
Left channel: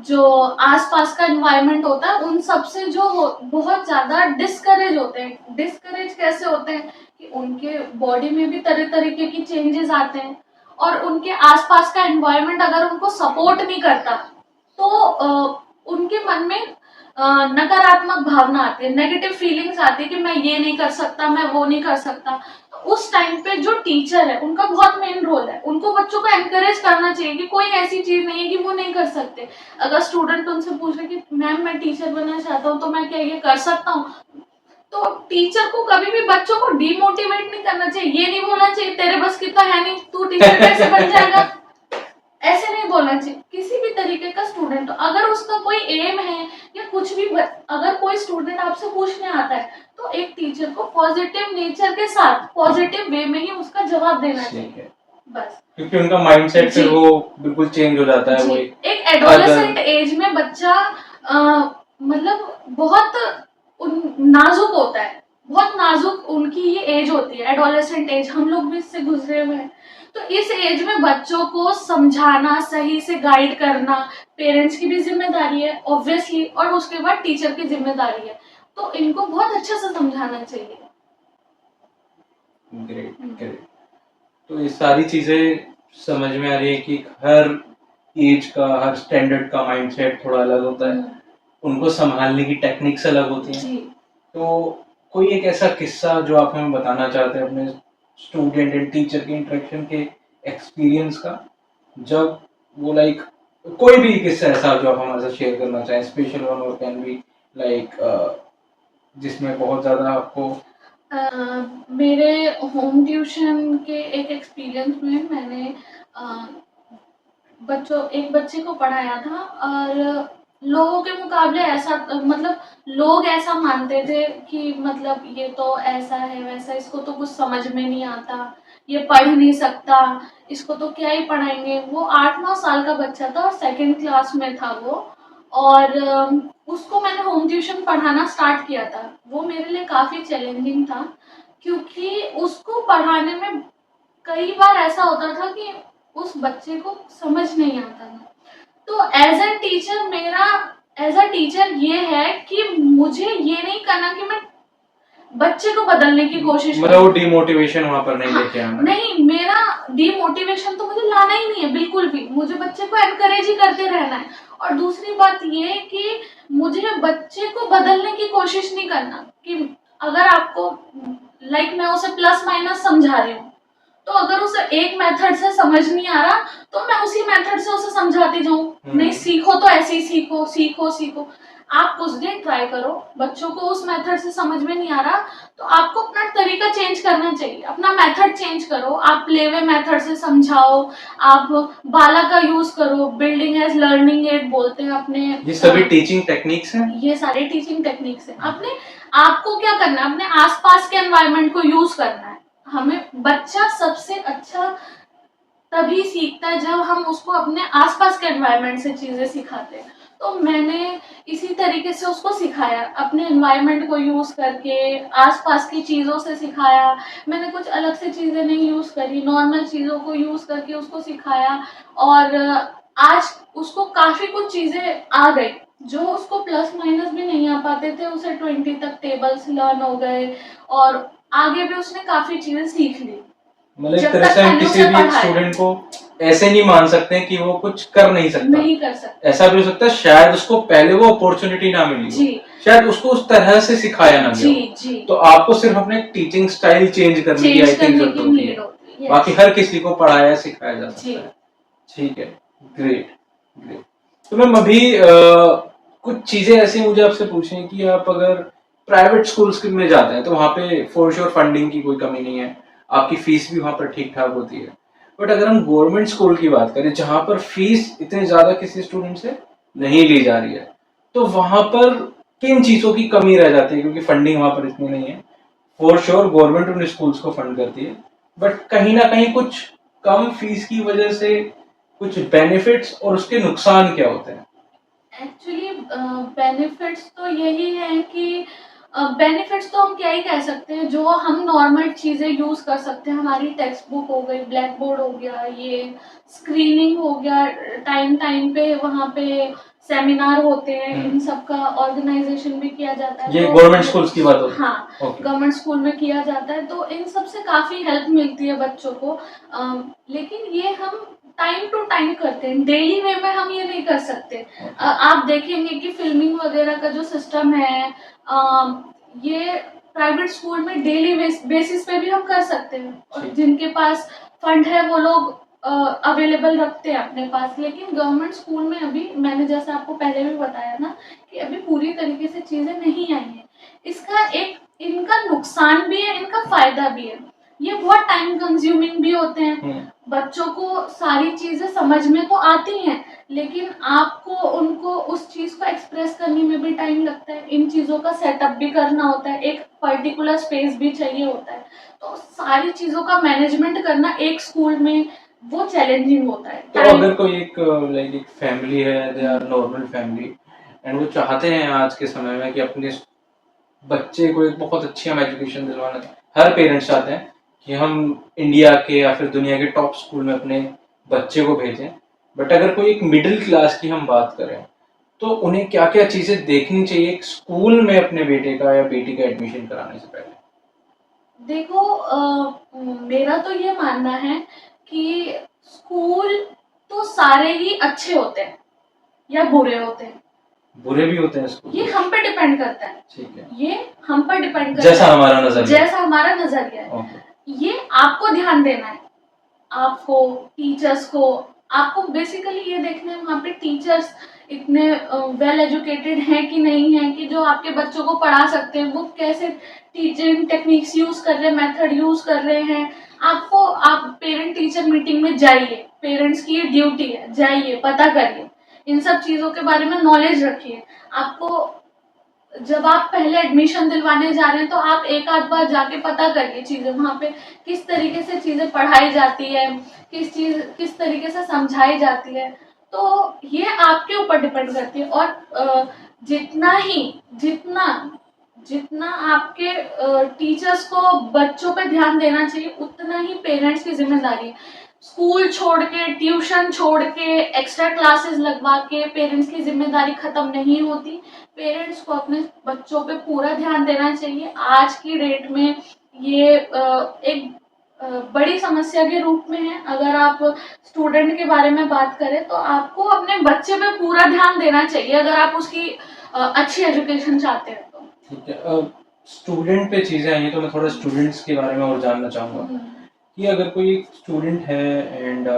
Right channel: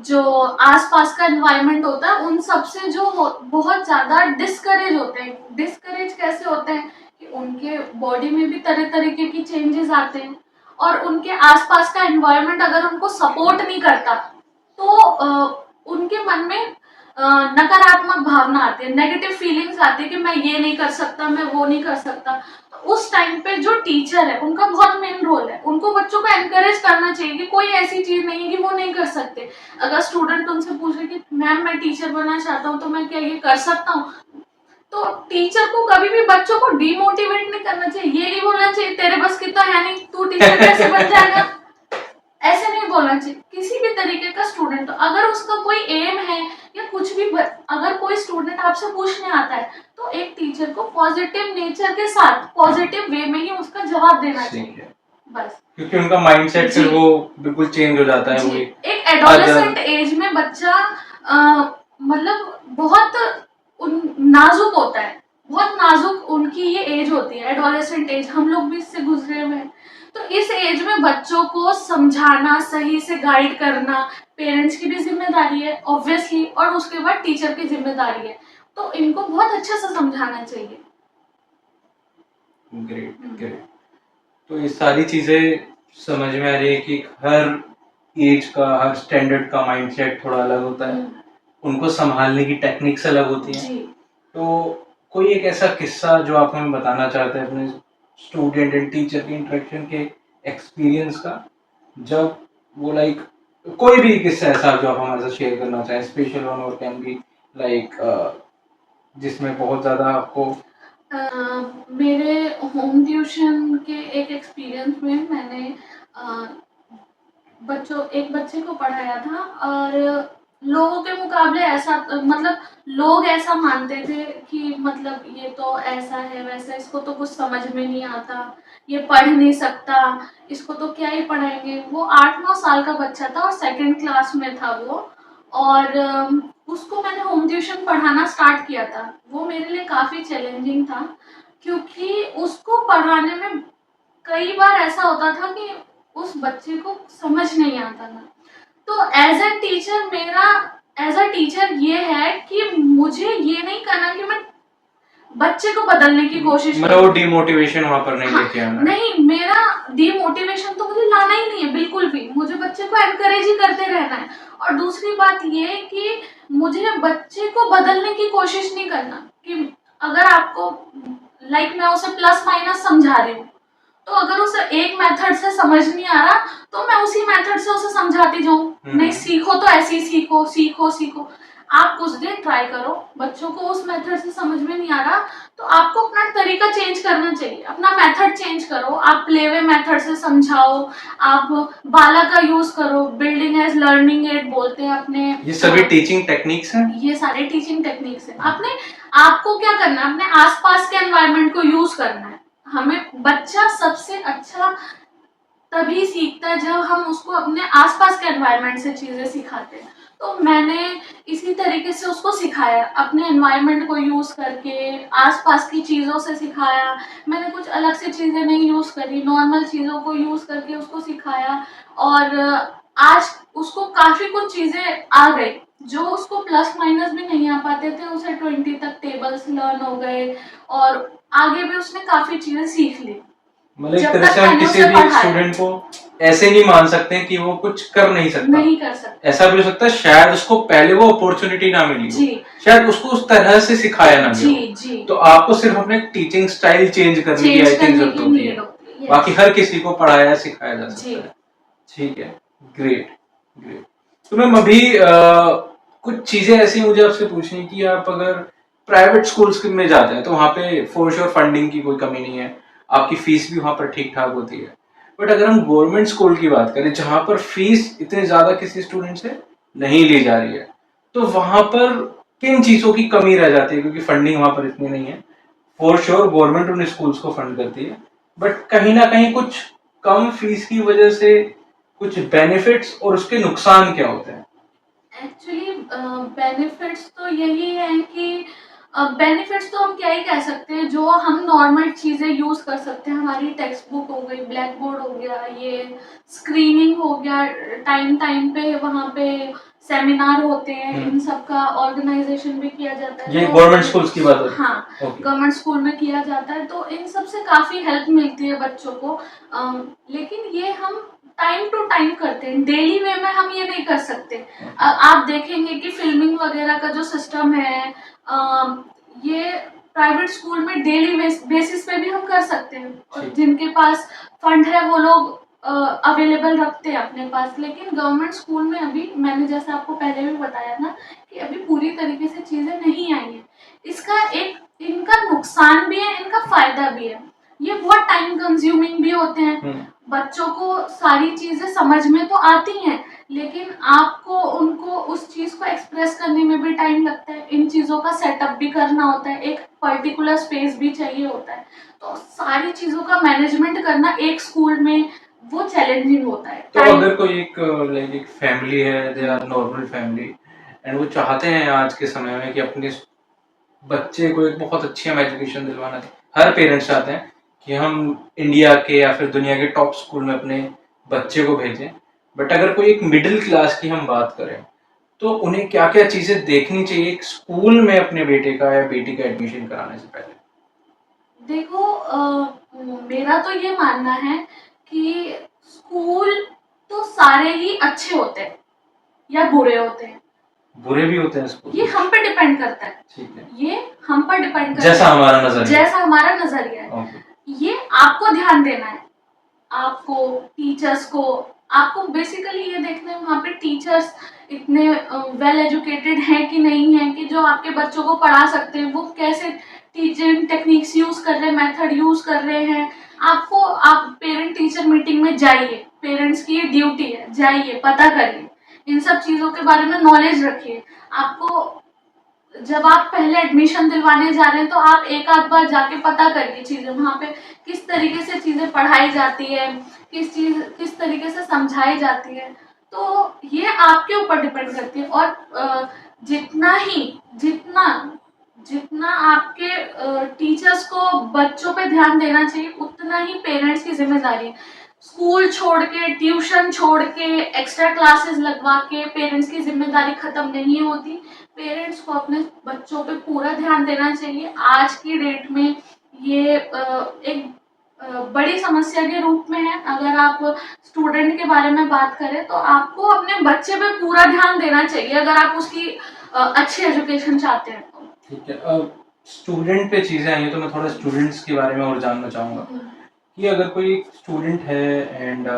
जो आसपास का एनवायरनमेंट होता है, उन सब से जो बहुत ज़्यादा डिस्करेज होते हैं। डिस्करेज कैसे होते हैं कि उनके बॉडी में भी तरह तरीके की चेंजेस आते हैं, और उनके आसपास का एनवायरनमेंट अगर उनको सपोर्ट नहीं करता तो उनके मन में नकारात्मक भावना आती है, नेगेटिव फीलिंग्स आती है कि मैं ये नहीं कर सकता, मैं वो नहीं कर सकता। तो उस टाइम पे जो टीचर है उनका बहुत मेन रोल है, उनको बच्चों को एनकरेज करना चाहिए कि कोई ऐसी चीज नहीं है कि वो नहीं कर सकते। अगर स्टूडेंट उनसे पूछे कि मैम मैं टीचर बनना चाहता हूँ तो मैं क्या ये कर सकता हूँ, तो टीचर को कभी भी बच्चों को डिमोटिवेट नहीं करना चाहिए। ये नहीं बोलना चाहिए तेरे बस की तो है नहीं, तू टीचर कैसे बन जाएगा, ऐसे नहीं बोलना चाहिए। किसी भी तरीके का स्टूडेंट, अगर उसका कोई एम है या कुछ भी, अगर कोई स्टूडेंट आपसे पूछने आता है तो एक टीचर को पॉजिटिव नेचर के साथ, पॉजिटिव वे में ही उसका जवाब देना चाहिए, बस। क्योंकि उनका माइंडसेट फिर वो बिल्कुल चेंज हो जाता है। वो एक एडोलेसेंट एज में बच्चा मतलब बहुत नाजुक होता है, बहुत नाजुक उनकी ये एज होती है, एडोलेसेंट एज। हम लोग भी इससे गुजरे हुए हैं। तो इस एज में बच्चों को समझाना, सही से गाइड करना पेरेंट्स की भी जिम्मेदारी है ऑब्वियसली, और उसके बाद टीचर की जिम्मेदारी है। तो इनको बहुत अच्छे से समझाना चाहिए। Great great. तो ये सारी चीजें समझ में आ रही है कि हर एज का, हर स्टैंडर्ड का माइंडसेट थोड़ा अलग होता है, उनको संभालने की टेक्निक्स अलग होती हैं। जी। तो कोई एक ऐसा किस्सा जो आप हमें बताना चाहते हैं अपने स्टूडेंट एंड टीचर के इंटरेक्शन के एक्सपीरियंस का, जब वो लाइक कोई भी किस्सा ऐसा जो आप हमारे साथ शेयर करना चाहें, स्पेशल वन और कैन बी लाइक जिसमें बहुत ज़्यादा आपको मेरे होम ट्यूशन के एक एक्सपीरियंस में मैंने एक बच्चे को पढ़ाया था, और लोगों के मुकाबले ऐसा मतलब लोग ऐसा मानते थे कि मतलब ये तो ऐसा है वैसा, इसको तो कुछ समझ में नहीं आता, ये पढ़ नहीं सकता, इसको तो क्या ही पढ़ाएंगे। वो 8-9 साल का बच्चा था और सेकंड क्लास में था वो, और उसको मैंने होम ट्यूशन पढ़ाना स्टार्ट किया था। वो मेरे लिए काफ़ी चैलेंजिंग था, क्योंकि उसको पढ़ाने में कई बार ऐसा होता था कि उस बच्चे को समझ नहीं आता था। तो एज अ टीचर ये है कि मुझे ये नहीं करना कि मैं बच्चे को बदलने की कोशिश मतलब वो डिमोटिवेशन वहां पर नहीं लेके आना। नहीं, मेरा डिमोटिवेशन तो मुझे लाना ही नहीं है बिल्कुल भी। मुझे बच्चे को एनकरेज ही करते रहना है। और दूसरी बात ये कि मुझे बच्चे को बदलने की कोशिश नहीं करना कि अगर आपको मैं उसे प्लस माइनस समझा रही हूँ, तो अगर उसे एक मेथड से समझ नहीं आ रहा तो मैं उसी मेथड से उसे समझाती जाऊँ। नहीं, सीखो तो ऐसे ही सीखो, सीखो सीखो। आप कुछ दिन ट्राई करो, बच्चों को उस मेथड से समझ में नहीं आ रहा तो आपको अपना तरीका चेंज करना चाहिए, अपना मेथड चेंज करो। आप प्लेवे मेथड से समझाओ, आप बाला का यूज करो, बिल्डिंग एज लर्निंग एड बोलते हैं अपने। ये सभी टीचिंग टेक्निक्स हैं। ये सारे टीचिंग टेक्निक्स हैं। आपको क्या करना है, अपने आसपास के एनवायरनमेंट को यूज करना है। हमें बच्चा सबसे अच्छा तभी सीखता है जब हम उसको अपने आसपास के एनवायरनमेंट से चीजें सिखाते हैं। तो मैंने इसी तरीके से उसको सिखाया, अपने एनवायरनमेंट को यूज करके, आसपास की चीजों से सिखाया। मैंने कुछ अलग से चीजें नहीं यूज करी, नॉर्मल चीजों को यूज करके उसको सिखाया। और आज उसको काफी कुछ चीजें आ गई जो उसको प्लस माइनस भी नहीं आ पाते थे। उसे 20 तक टेबल्स लर्न हो गए और आगे भी उसने काफी चीजें सीख ली। मतलब एक तरह से हम किसी भी स्टूडेंट को ऐसे नहीं मान सकते हैं कि वो कुछ कर नहीं सकता। नहीं कर सकता। ऐसा भी हो सकता है शायद उसको पहले वो अपॉर्चुनिटी ना मिली जी, शायद उसको उस तरह से सिखाया ना जी, गया। जी। तो आपको सिर्फ अपने टीचिंग स्टाइल चेंज करने की आई थिंक जरूरत होती है। बाकी हर किसी को पढ़ाया सिखाया जा सकता है। ठीक है, ग्रेट ग्रेट। तो मैम अभी कुछ चीजें ऐसी मुझे आपसे पूछनी कि आप अगर प्राइवेट स्कूल्स में जाते हैं तो वहाँ पे फॉर श्योर फंडिंग की कोई कमी नहीं है, आपकी फीस भी वहाँ पर ठीक ठाक होती है। बट अगर हम गवर्नमेंट स्कूल की बात करें जहाँ पर फीस इतनी ज्यादा किसी स्टूडेंट से नहीं ली जा रही है, तो वहाँ पर किन चीजों की कमी रह जाती है? क्योंकि फंडिंग वहाँ पर इतनी नहीं है। फॉर श्योर गवर्नमेंट उन स्कूल्स को फंड करती है, बट कहीं ना कहीं कुछ कम फीस की वजह से कुछ बेनिफिट्स और उसके नुकसान क्या होते हैं? एक्चुअली बेनिफिट्स तो यही है कि बेनिफिट्स तो हम क्या ही कह सकते हैं, जो हम नॉर्मल चीज़ें यूज़ कर सकते हैं। हमारी टेक्स्ट बुक हो गई, ब्लैक बोर्ड हो गया, ये स्क्रीनिंग हो गया, टाइम टाइम पे वहाँ पे सेमिनार होते हैं, इन सब का ऑर्गेनाइजेशन भी किया जाता है। ये तो गवर्नमेंट स्कूल्स की बात होती है। हाँ, गवर्नमेंट स्कूल में किया जाता है, तो इन सब से काफ़ी हेल्प मिलती है बच्चों को। लेकिन ये हम टाइम टू टाइम करते हैं, डेली वे में हम ये नहीं कर सकते। आप देखेंगे कि फिल्मिंग वगैरह का जो सिस्टम है, ये प्राइवेट स्कूल में डेली बेसिस पे भी हम कर सकते हैं, और जिनके पास फंड है वो लोग अवेलेबल रखते हैं अपने पास। लेकिन गवर्नमेंट स्कूल में अभी मैंने जैसे आपको पहले भी बताया ना कि अभी पूरी तरीके से चीज़ें नहीं आई हैं। इनका नुकसान भी है, इनका फायदा भी है। ये बहुत टाइम कंज्यूमिंग भी होते हैं। बच्चों को सारी चीजें समझ में तो आती हैं, लेकिन आपको उनको उस चीज को एक्सप्रेस करने में भी टाइम लगता है। इन चीजों का सेटअप भी करना होता है, एक पर्टिकुलर स्पेस भी चाहिए होता है। तो सारी चीजों का मैनेजमेंट करना एक स्कूल में वो चैलेंजिंग होता है। तो अगर कोई एक फैमिली है, they are normal family, and वो चाहते हैं आज के समय में कि अपने बच्चे को एक बहुत अच्छी हम एजुकेशन दिलवाना, हर पेरेंट्स चाहते हैं कि हम इंडिया के या फिर दुनिया के टॉप स्कूल में अपने बच्चे को भेजें, बट अगर कोई एक मिडिल क्लास की हम बात करें तो उन्हें क्या क्या चीजें देखनी चाहिए एक स्कूल में अपने बेटे का या बेटी का एडमिशन कराने से पहले? देखो, मेरा तो ये मानना है कि स्कूल तो सारे ही अच्छे होते हैं या बुरे होते हैं, बुरे भी होते हैं स्कूल? ये हम पे डिपेंड करता है। ठीक है, ये हम पर डिपेंड करता जैसा है, हमारा नजरिया। जैसा हमारा नजरिया है। ओके। ये आपको ध्यान देना है, आपको, टीचर्स को। आपको बेसिकली ये देखना है वहाँ पे टीचर्स इतने वेल एजुकेटेड हैं कि नहीं हैं, कि जो आपके बच्चों को पढ़ा सकते हैं, वो कैसे टीचिंग टेक्निक्स यूज कर रहे हैं, मेथड यूज कर रहे हैं। आपको, आप पेरेंट टीचर मीटिंग में जाइए, पेरेंट्स की ये ड्यूटी है, जाइए, पता करिए, इन सब चीज़ों के बारे में नॉलेज रखिए। आपको, जब आप पहले एडमिशन दिलवाने जा रहे हैं तो आप एक आध बार जाके पता करिए चीज़ें, वहाँ पे किस तरीके से चीज़ें पढ़ाई जाती है, किस तरीके से समझाई जाती है। तो ये आपके ऊपर डिपेंड करती है। और जितना ही जितना जितना आपके टीचर्स को बच्चों पे ध्यान देना चाहिए, उतना ही पेरेंट्स की जिम्मेदारी है। स्कूल छोड़ के, ट्यूशन छोड़ के, एक्स्ट्रा क्लासेस लगवा के पेरेंट्स की जिम्मेदारी खत्म नहीं होती। पेरेंट्स को अपने बच्चों पे पूरा ध्यान देना चाहिए। आज की डेट में ये एक बड़ी समस्या के रूप में है। अगर आप स्टूडेंट के बारे में बात करें तो आपको अपने बच्चे पे पूरा ध्यान देना चाहिए, अगर आप उसकी अच्छी एजुकेशन चाहते हैं तो। ठीक है, अब स्टूडेंट पे चीजें आई हैं तो मैं थोड़ा स्टूडेंट्स के बारे में और जानना चाहूंगा कि अगर कोई स्टूडेंट है एंड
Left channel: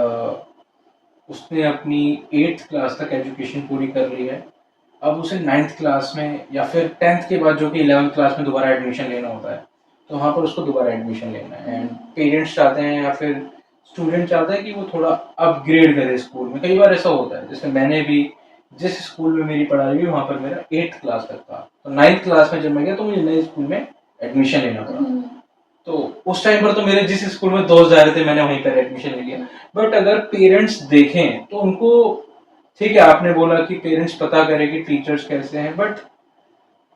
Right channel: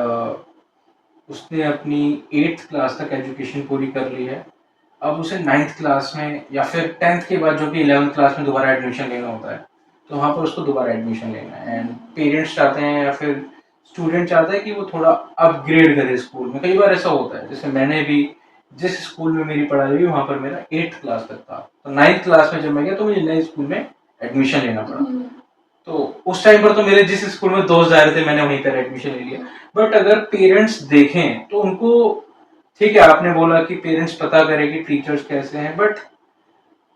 उसने अपनी 8th क्लास तक एजुकेशन पूरी कर ली है, अब उसे 9th क्लास में या फिर 10th के बाद जो कि 11th क्लास में दोबारा एडमिशन लेना होता है, तो वहाँ पर उसको दोबारा एडमिशन लेना है एंड पेरेंट्स चाहते हैं या फिर स्टूडेंट चाहता है कि वो थोड़ा अपग्रेड करे स्कूल में। कई बार ऐसा होता है, जैसे मैंने भी जिस स्कूल में मेरी पढ़ाई हुई वहाँ पर मेरा 8th क्लास तक था, तो 9th क्लास में जब मैं गया तो मुझे नए स्कूल में एडमिशन लेना पड़ा। तो उस टाइम पर तो मेरे जिस स्कूल में दोस्त जा रहे थे मैंने वहीं पर एडमिशन ले लिया। बट अगर पेरेंट्स देखें तो उनको, ठीक है आपने बोला कि पेरेंट्स पता करें कि टीचर्स कैसे हैं, बट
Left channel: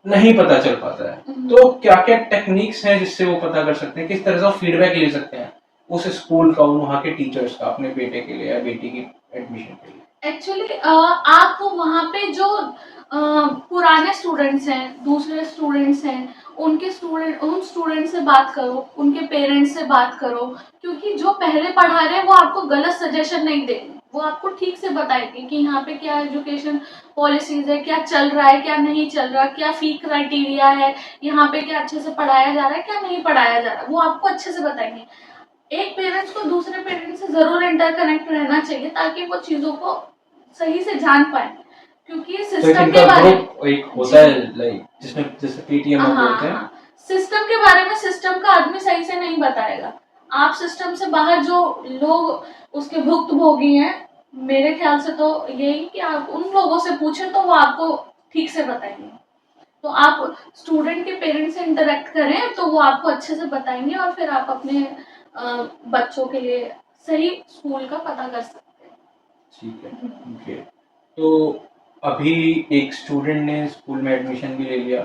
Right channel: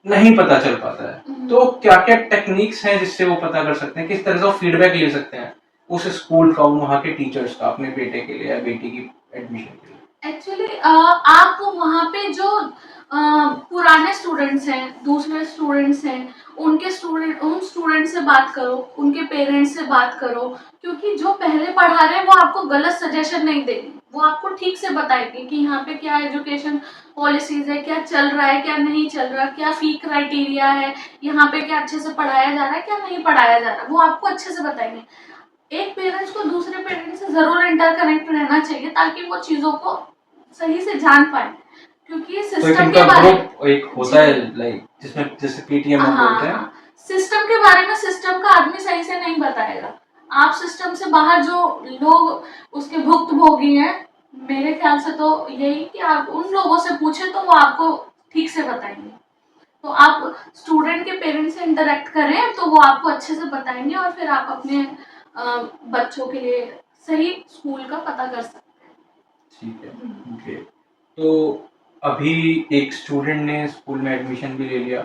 नहीं पता चल पाता है। तो क्या क्या टेक्निक्स हैं जिससे वो पता कर सकते हैं, किस तरह से वो फीडबैक ले सकते हैं उस स्कूल का, वहाँ के टीचर्स का, अपने बेटे के लिए या बेटी की एडमिशन के लिए? एक्चुअली आप वहाँ पे जो पुराने स्टूडेंट्स हैं, दूसरे स्टूडेंट्स हैं, उन स्टूडेंट से बात करो, उनके पेरेंट्स से बात करो, क्योंकि जो पहले पढ़ा रहे हैं वो आपको गलत सजेशन नहीं देंगे। वो आपको ठीक से बताएंगे कि यहाँ पे क्या एजुकेशन पॉलिसीज है, क्या चल रहा है, क्या नहीं चल रहा, क्या फी क्राइटेरिया है, यहाँ पे क्या अच्छे से पढ़ाया जा रहा है, क्या नहीं पढ़ाया जा रहा, वो आपको अच्छे से बताएंगे। एक पेरेंट्स को दूसरे पेरेंट्स से जरूर इंटरकनेक्ट रहना चाहिए, ताकि वो चीजों को सही से जान पाए, क्योंकि तो एक सिस्टम के इनका बारे ग्रुप एक होता है लाइक जिसमें जैसे पीटीएम हम बोलते हैं। सिस्टम के बारे में सिस्टम का आदमी सही से नहीं बताएगा। आप सिस्टम से बाहर जो लोग उसके भुक्तभोगी हैं, मेरे ख्याल से तो यही कि आप उन लोगों से पूछें तो वो आपको ठीक से बताएंगे। तो आप स्टूडेंट के पेरेंट्स से इंटरेक्ट करें तो वो आपको अच्छे से बताएंगे, और फिर आप अपने बच्चों के लिए सही स्कूल का पता कर सकते हैं। ठीक है, ओके। तो अभी एक स्टूडेंट ने स्कूल में एडमिशन भी ले लिया,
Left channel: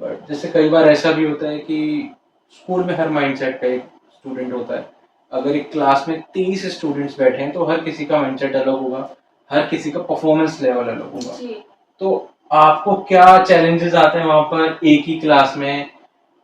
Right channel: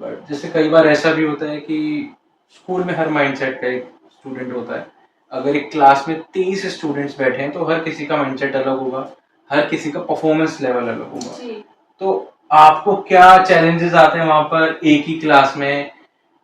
बट जैसे कई बार ऐसा भी होता है कि स्कूल में हर माइंडसेट का एक स्टूडेंट होता है। अगर एक क्लास में 30 स्टूडेंट्स बैठे हैं तो हर किसी का माइंडसेट अलग होगा, हर किसी का परफॉर्मेंस लेवल अलग होगा। जी। तो आपको क्या चैलेंजेस आते हैं वहां पर एक ही क्लास में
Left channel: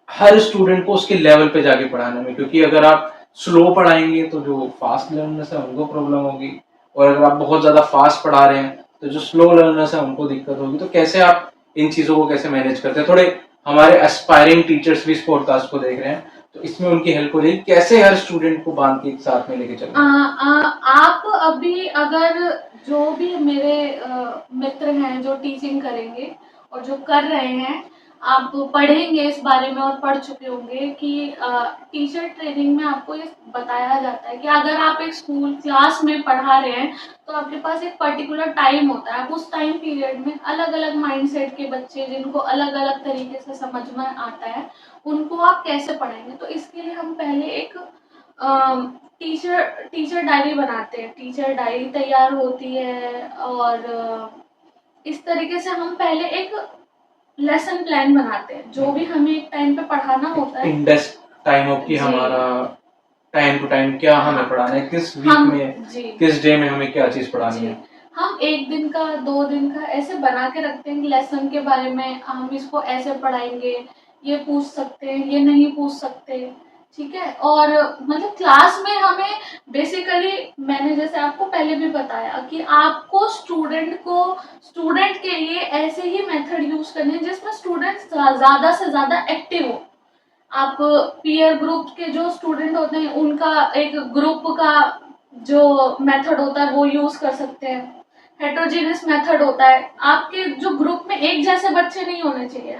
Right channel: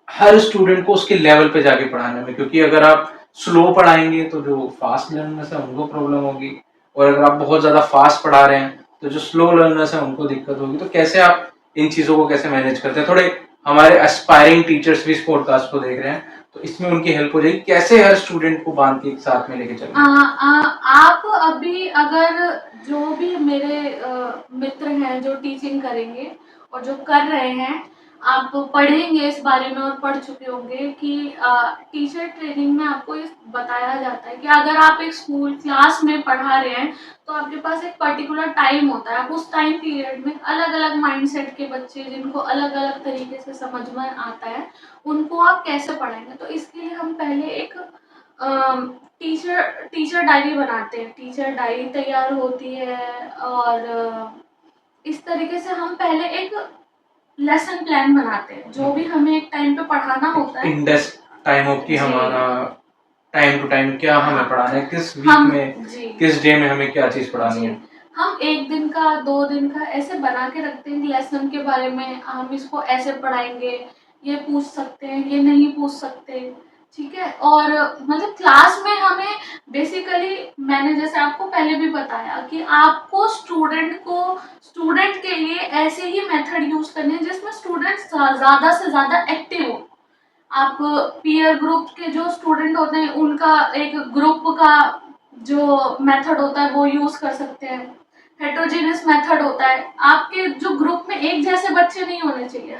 हर स्टूडेंट को उसके लेवल पे जाके पढ़ाने में? क्योंकि अगर आप स्लो पढ़ाएंगे तो जो फास्ट लर्नर्स है उनको प्रॉब्लम होगी, और अगर आप बहुत ज्यादा फास्ट पढ़ा रहे हैं तो जो स्लो लर्नर्स है उनको दिक्कत होगी। तो कैसे आप इन चीजों को कैसे मैनेज करते हैं? थोड़े हमारे एस्पायरिंग टीचर्स भी इस पॉडकास्ट को देख रहे हैं तो इसमें उनकी हेल्प हो जाएगी, कैसे हर स्टूडेंट को बांध के एक साथ में लेके चलें। आप अभी अगर, जो भी मेरे मित्र हैं जो टीचिंग करेंगे और जो कर रहे हैं, आप पढ़ेंगे इस बारे में और पढ़ चुके होंगे कि टीचर ट्रेनिंग में आपको ये बताया जाता है कि अगर आप एक स्कूल क्लास में पढ़ा रहे हैं तो आपके पास एक पर्टिकुलर टाइम होता है। आप उस टाइम पीरियड में अलग अलग माइंडसेट के बच्चे, जिनको अलग अलग तरीके से समझ में आता है, उनको आप कैसे पढ़ाएंगे। तो इसके लिए हम पहले एक टीचर टीचर डायरी बनाते हैं, टीचर डायरी तैयार होती है, और इस तरीके से हम पहले एक लेसन प्लान बनाते हैं, जो भी हमें एक टाइम पे पढ़ाना होता है। टाइम ऑफ की जी। हमारा टाइम टू टाइम क्या हाँ। हमें पढ़ाना है, किस वीक हम में, जी। किस डे में हमें क्या चीज़ पढ़ानी जी। है। हम 1 दिन का, 2 दिन का ऐसे बना के रखते हैं कि लेसन के बारे में हम इसको ऐसे पढ़ाएँगे, ये पूछ सकते हैं, ये नहीं पूछ सकते, ठीक है? और मतलब क्लास में हमें बेसिकली मैंने जैसे आपको पहले भी बताया कि आपको स्टूडेंट के लिए ऐसे ही मेथड यूज़ करने हैं जिसमें स्टूडेंट्स ज़्यादा से ज़्यादा एक्टिव हो। आप पीयर ग्रुप के जो स्टूडेंट होते हैं उनका एक ग्रुप का जो मेथड होता है वो यूज कर सकते हैं। हेटेरोजेनियस मेथड होता है। आपके जो ग्रुप में एक जैसे बच्चे नहीं होने चाहिए।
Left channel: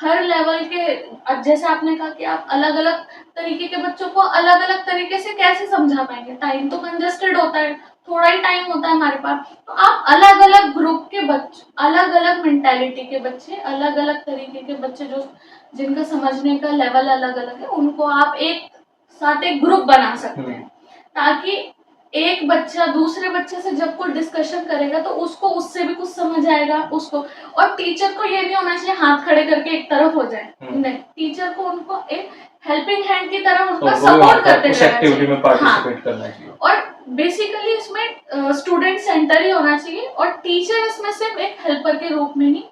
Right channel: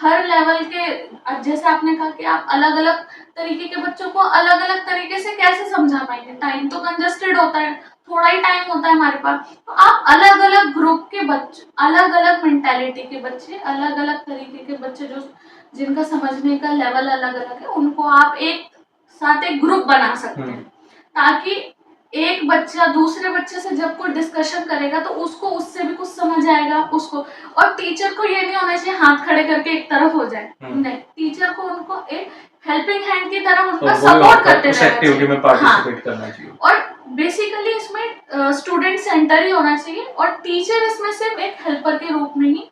हर लेवल के जैसे आपने कहा कि आप अलग अलग तरीके के बच्चों को अलग अलग तरीके से कैसे समझा पाएंगे, टाइम तो कंजस्टेड होता है, थोड़ा ही टाइम होता है हमारे पास। तो आप अलग अलग ग्रुप के बच्चे, अलग अलग मेंटेलिटी के बच्चे, अलग अलग तरीके के बच्चे जो जिनका समझने का लेवल अलग अलग है, उनको आप एक साथ एक ग्रुप बना सकते हैं, ताकि एक बच्चा दूसरे बच्चे से जब कोई डिस्कशन करेगा तो उसको उससे भी कुछ समझ आएगा उसको। और टीचर को ये नहीं होना चाहिए हाथ खड़े करके एक तरफ हो जाए, नहीं, टीचर को उनको एक हेल्पिंग हैंड की तरह उनका सपोर्ट करते उस रहना एक्टिविटी में चाहिए। पार्टिसिपेट करना चाहिए। और बेसिकली इसमें स्टूडेंट सेंटर ही होना चाहिए और टीचर इसमें सिर्फ एक हेल्पर के रूप में ही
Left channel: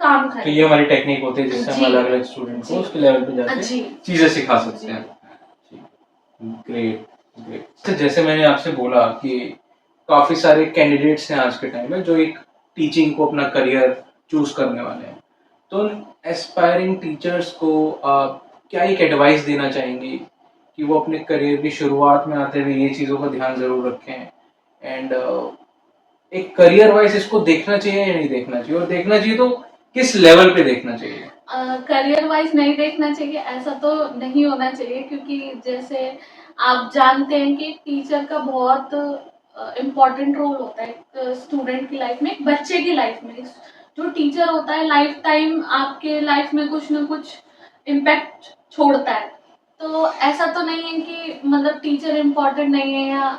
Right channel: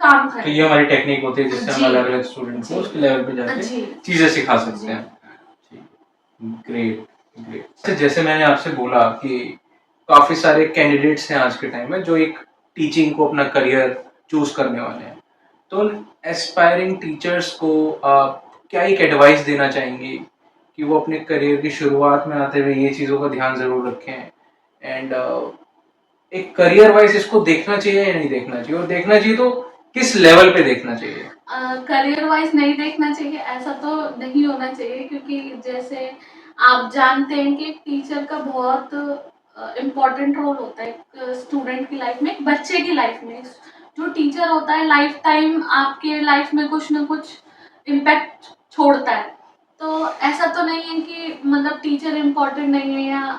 काम तो करे। ये हमारी टेक्निक होती है जिससे हम जी। अलग अलग स्टूडेंट को जी। उसके लेवल पे जाके जी। चीजें सिखा सकते जी। हैं। Great great. तो जैसे मैंने आपसे बोला कि काफी सारे कैंडिडेट्स हैं आज के टाइम में जो एक टीचिंग को अपना करियर चूज करने वाले हैं, तो एस्पायरिंग टीचर्स को आप क्या एक एडवाइस देना चाहेंगे कि वो अपने करियर की शुरुआत में आते हुए ये चीज़ों का ध्यान ज़रूर रखें, एंड एक करियर वाइज इसको देखना चाहिए या नहीं देखना चाहिए, और देखना चाहिए तो किस लेवल पे देखना चाहिए? करियर वाइज नहीं देखना चाहिए, ऐसा तो नहीं होना चाहिए, क्योंकि जैसे आप जानते हैं कि टीचर का बहुत इम्पोर्टेंट रोल होता है एक स्टूडेंट की लाइफ में, एक बच्चे की लाइफ में। जो टीचर होता है लाइफ टाइम आपके लाइफ में कुछ ना कुछ इम्पैक्ट छोड़ता है। तो ऐसा तो नहीं है कि मतलब टीचर इम्पोर्टेंट नहीं है, या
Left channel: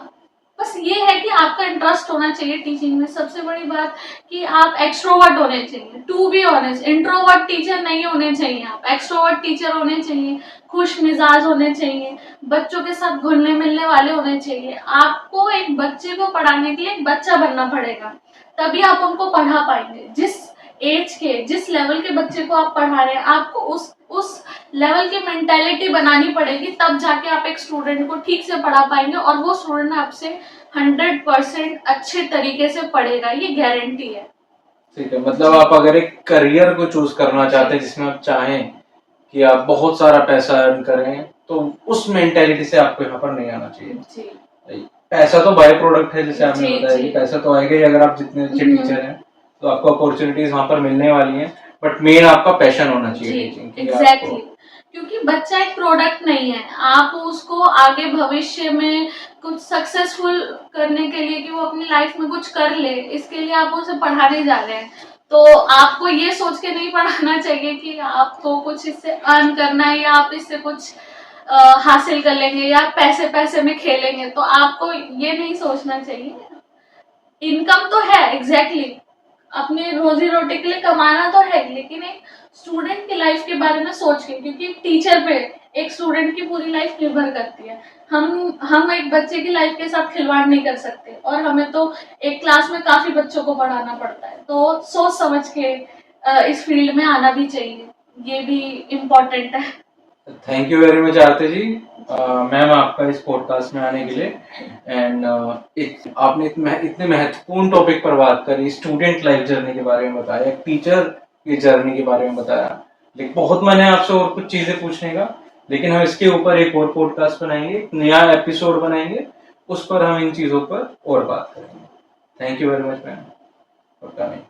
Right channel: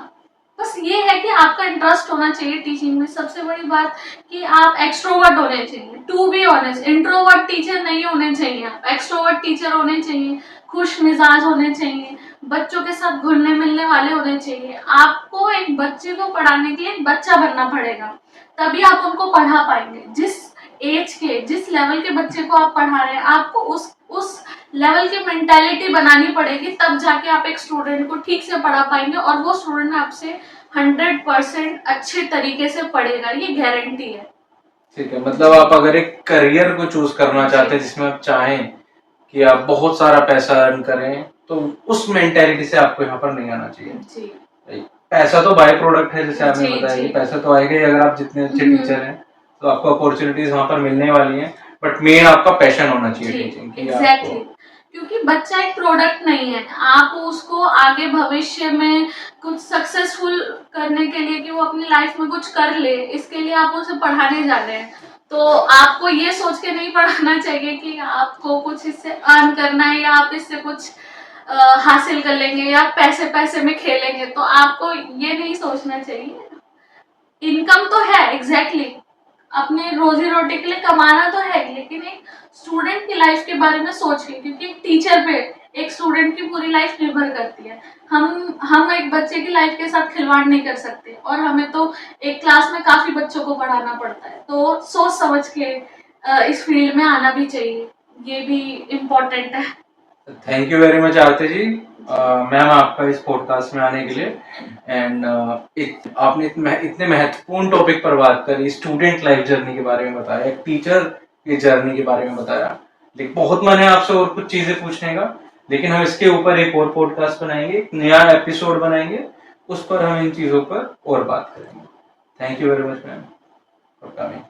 बस ये है कि आपका इंटरेस्ट होना चाहिए टीचिंग में। सबसे बड़ी बात कि आप एक्सट्रोवर्ट होने चाहिए, to be honest. Introvert teacher नहीं होने चाहिए, आप एक्सट्रोवर्ट टीचर होने चाहिए, खुश मिजाज होने चाहिए, बच्चों के साथ घुलने मिलने वाले होने चाहिए। आपको एक बच्चे को पढ़ाने के लिए एक बच्चा बनना पड़ेगा, तभी आप उनको पढ़ा पाएंगे। जिस एज के, जिस लेवल के बच्चे को आप पढ़ा रहे हैं, आपको उस लेवल की मेंटालिटी बनानी पड़ेगी, तब जाके आप एक स्टूडेंट को ठीक से पढ़ा पाएंगे और वो स्टूडेंट आपसे 100% अच्छे तरीके से पढ़ेगा, ये गारंटी है। ठीक है, मतलब आप अगर एक करियर को चूज करना चाहते हैं जिसमें आप चाहें कि आप बहुत सारा पैसा अर्न करें, तो उस मेंटेलिटी से आपको यहाँ पर नहीं आना चाहिए। जी। पैसा तो बाय प्रोडक्ट है, जैसे आपने जी, बताया जी। कि पैसा तो आएगा ही, अगर आप जितने अच्छे टीचर हैं तो आपको अपॉर्चुनिटीज वहां पर मिलने वाली हैं, बट मेन आपका पैशन होना चाहिए टीचिंग की। एग्जैक्टली, क्योंकि बच्चा एक प्रोडक्ट नहीं है। आप उसको आगे भविष्य में कुछ सक्सेसफुल करने के लिए, कि वो अपनी लाइफ में कुछ कर ले, इसके लिए आप उसे पढ़ाने जा रहे हैं। तो आपको ये सोच के नहीं पढ़ाना चाहिए कि आपको कुछ इससे अर्न करना है, या आप इससे कुछ हासिल कर लेंगे, या पैसे पैसे में खेलेंगे। तो आपको ये नहीं सोचना चाहिए। इनकम तो है, एग्जैक्टली, अपने रोजी रोटी के लिए कमाना तो है, लेकिन एक स्टूडेंट की लाइफ के बारे में सोच के, क्योंकि एक टीचर पे एक स्टूडेंट की पूरी लाइफ निर्भर करती है। हम एक बच्चे की लाइफ के साथ खिलवाड़ नहीं कर सकते, और हमें तो एक क्लास में काफी बच्चों को पढ़ाना पड़ता है। तो सोच समझ के इस फील्ड में आना भी चाहिए, ये भी इम्पोर्टेंट है। Thank you very much Aarti ji, ma'am, आपका इस पॉडकास्ट में आने के लिए। एंड आपने इतने महत्वपूर्ण टॉपिक पर बात करी, स्टूडेंट लाइफ जर्नी के बारे में बताया, एक टीचर की जर्नी के बारे में बताया। लेकिन बहुत मन है आपसे और कुछ चीजें पूछने का, लेकिन हम इसके ऊपर एक और पॉडकास्ट बनाएंगे, एक नया एपिसोड बनाएंगे, उस पर हम इन चीजों पर और बात करेंगे। Thank you very much ma'am for coming.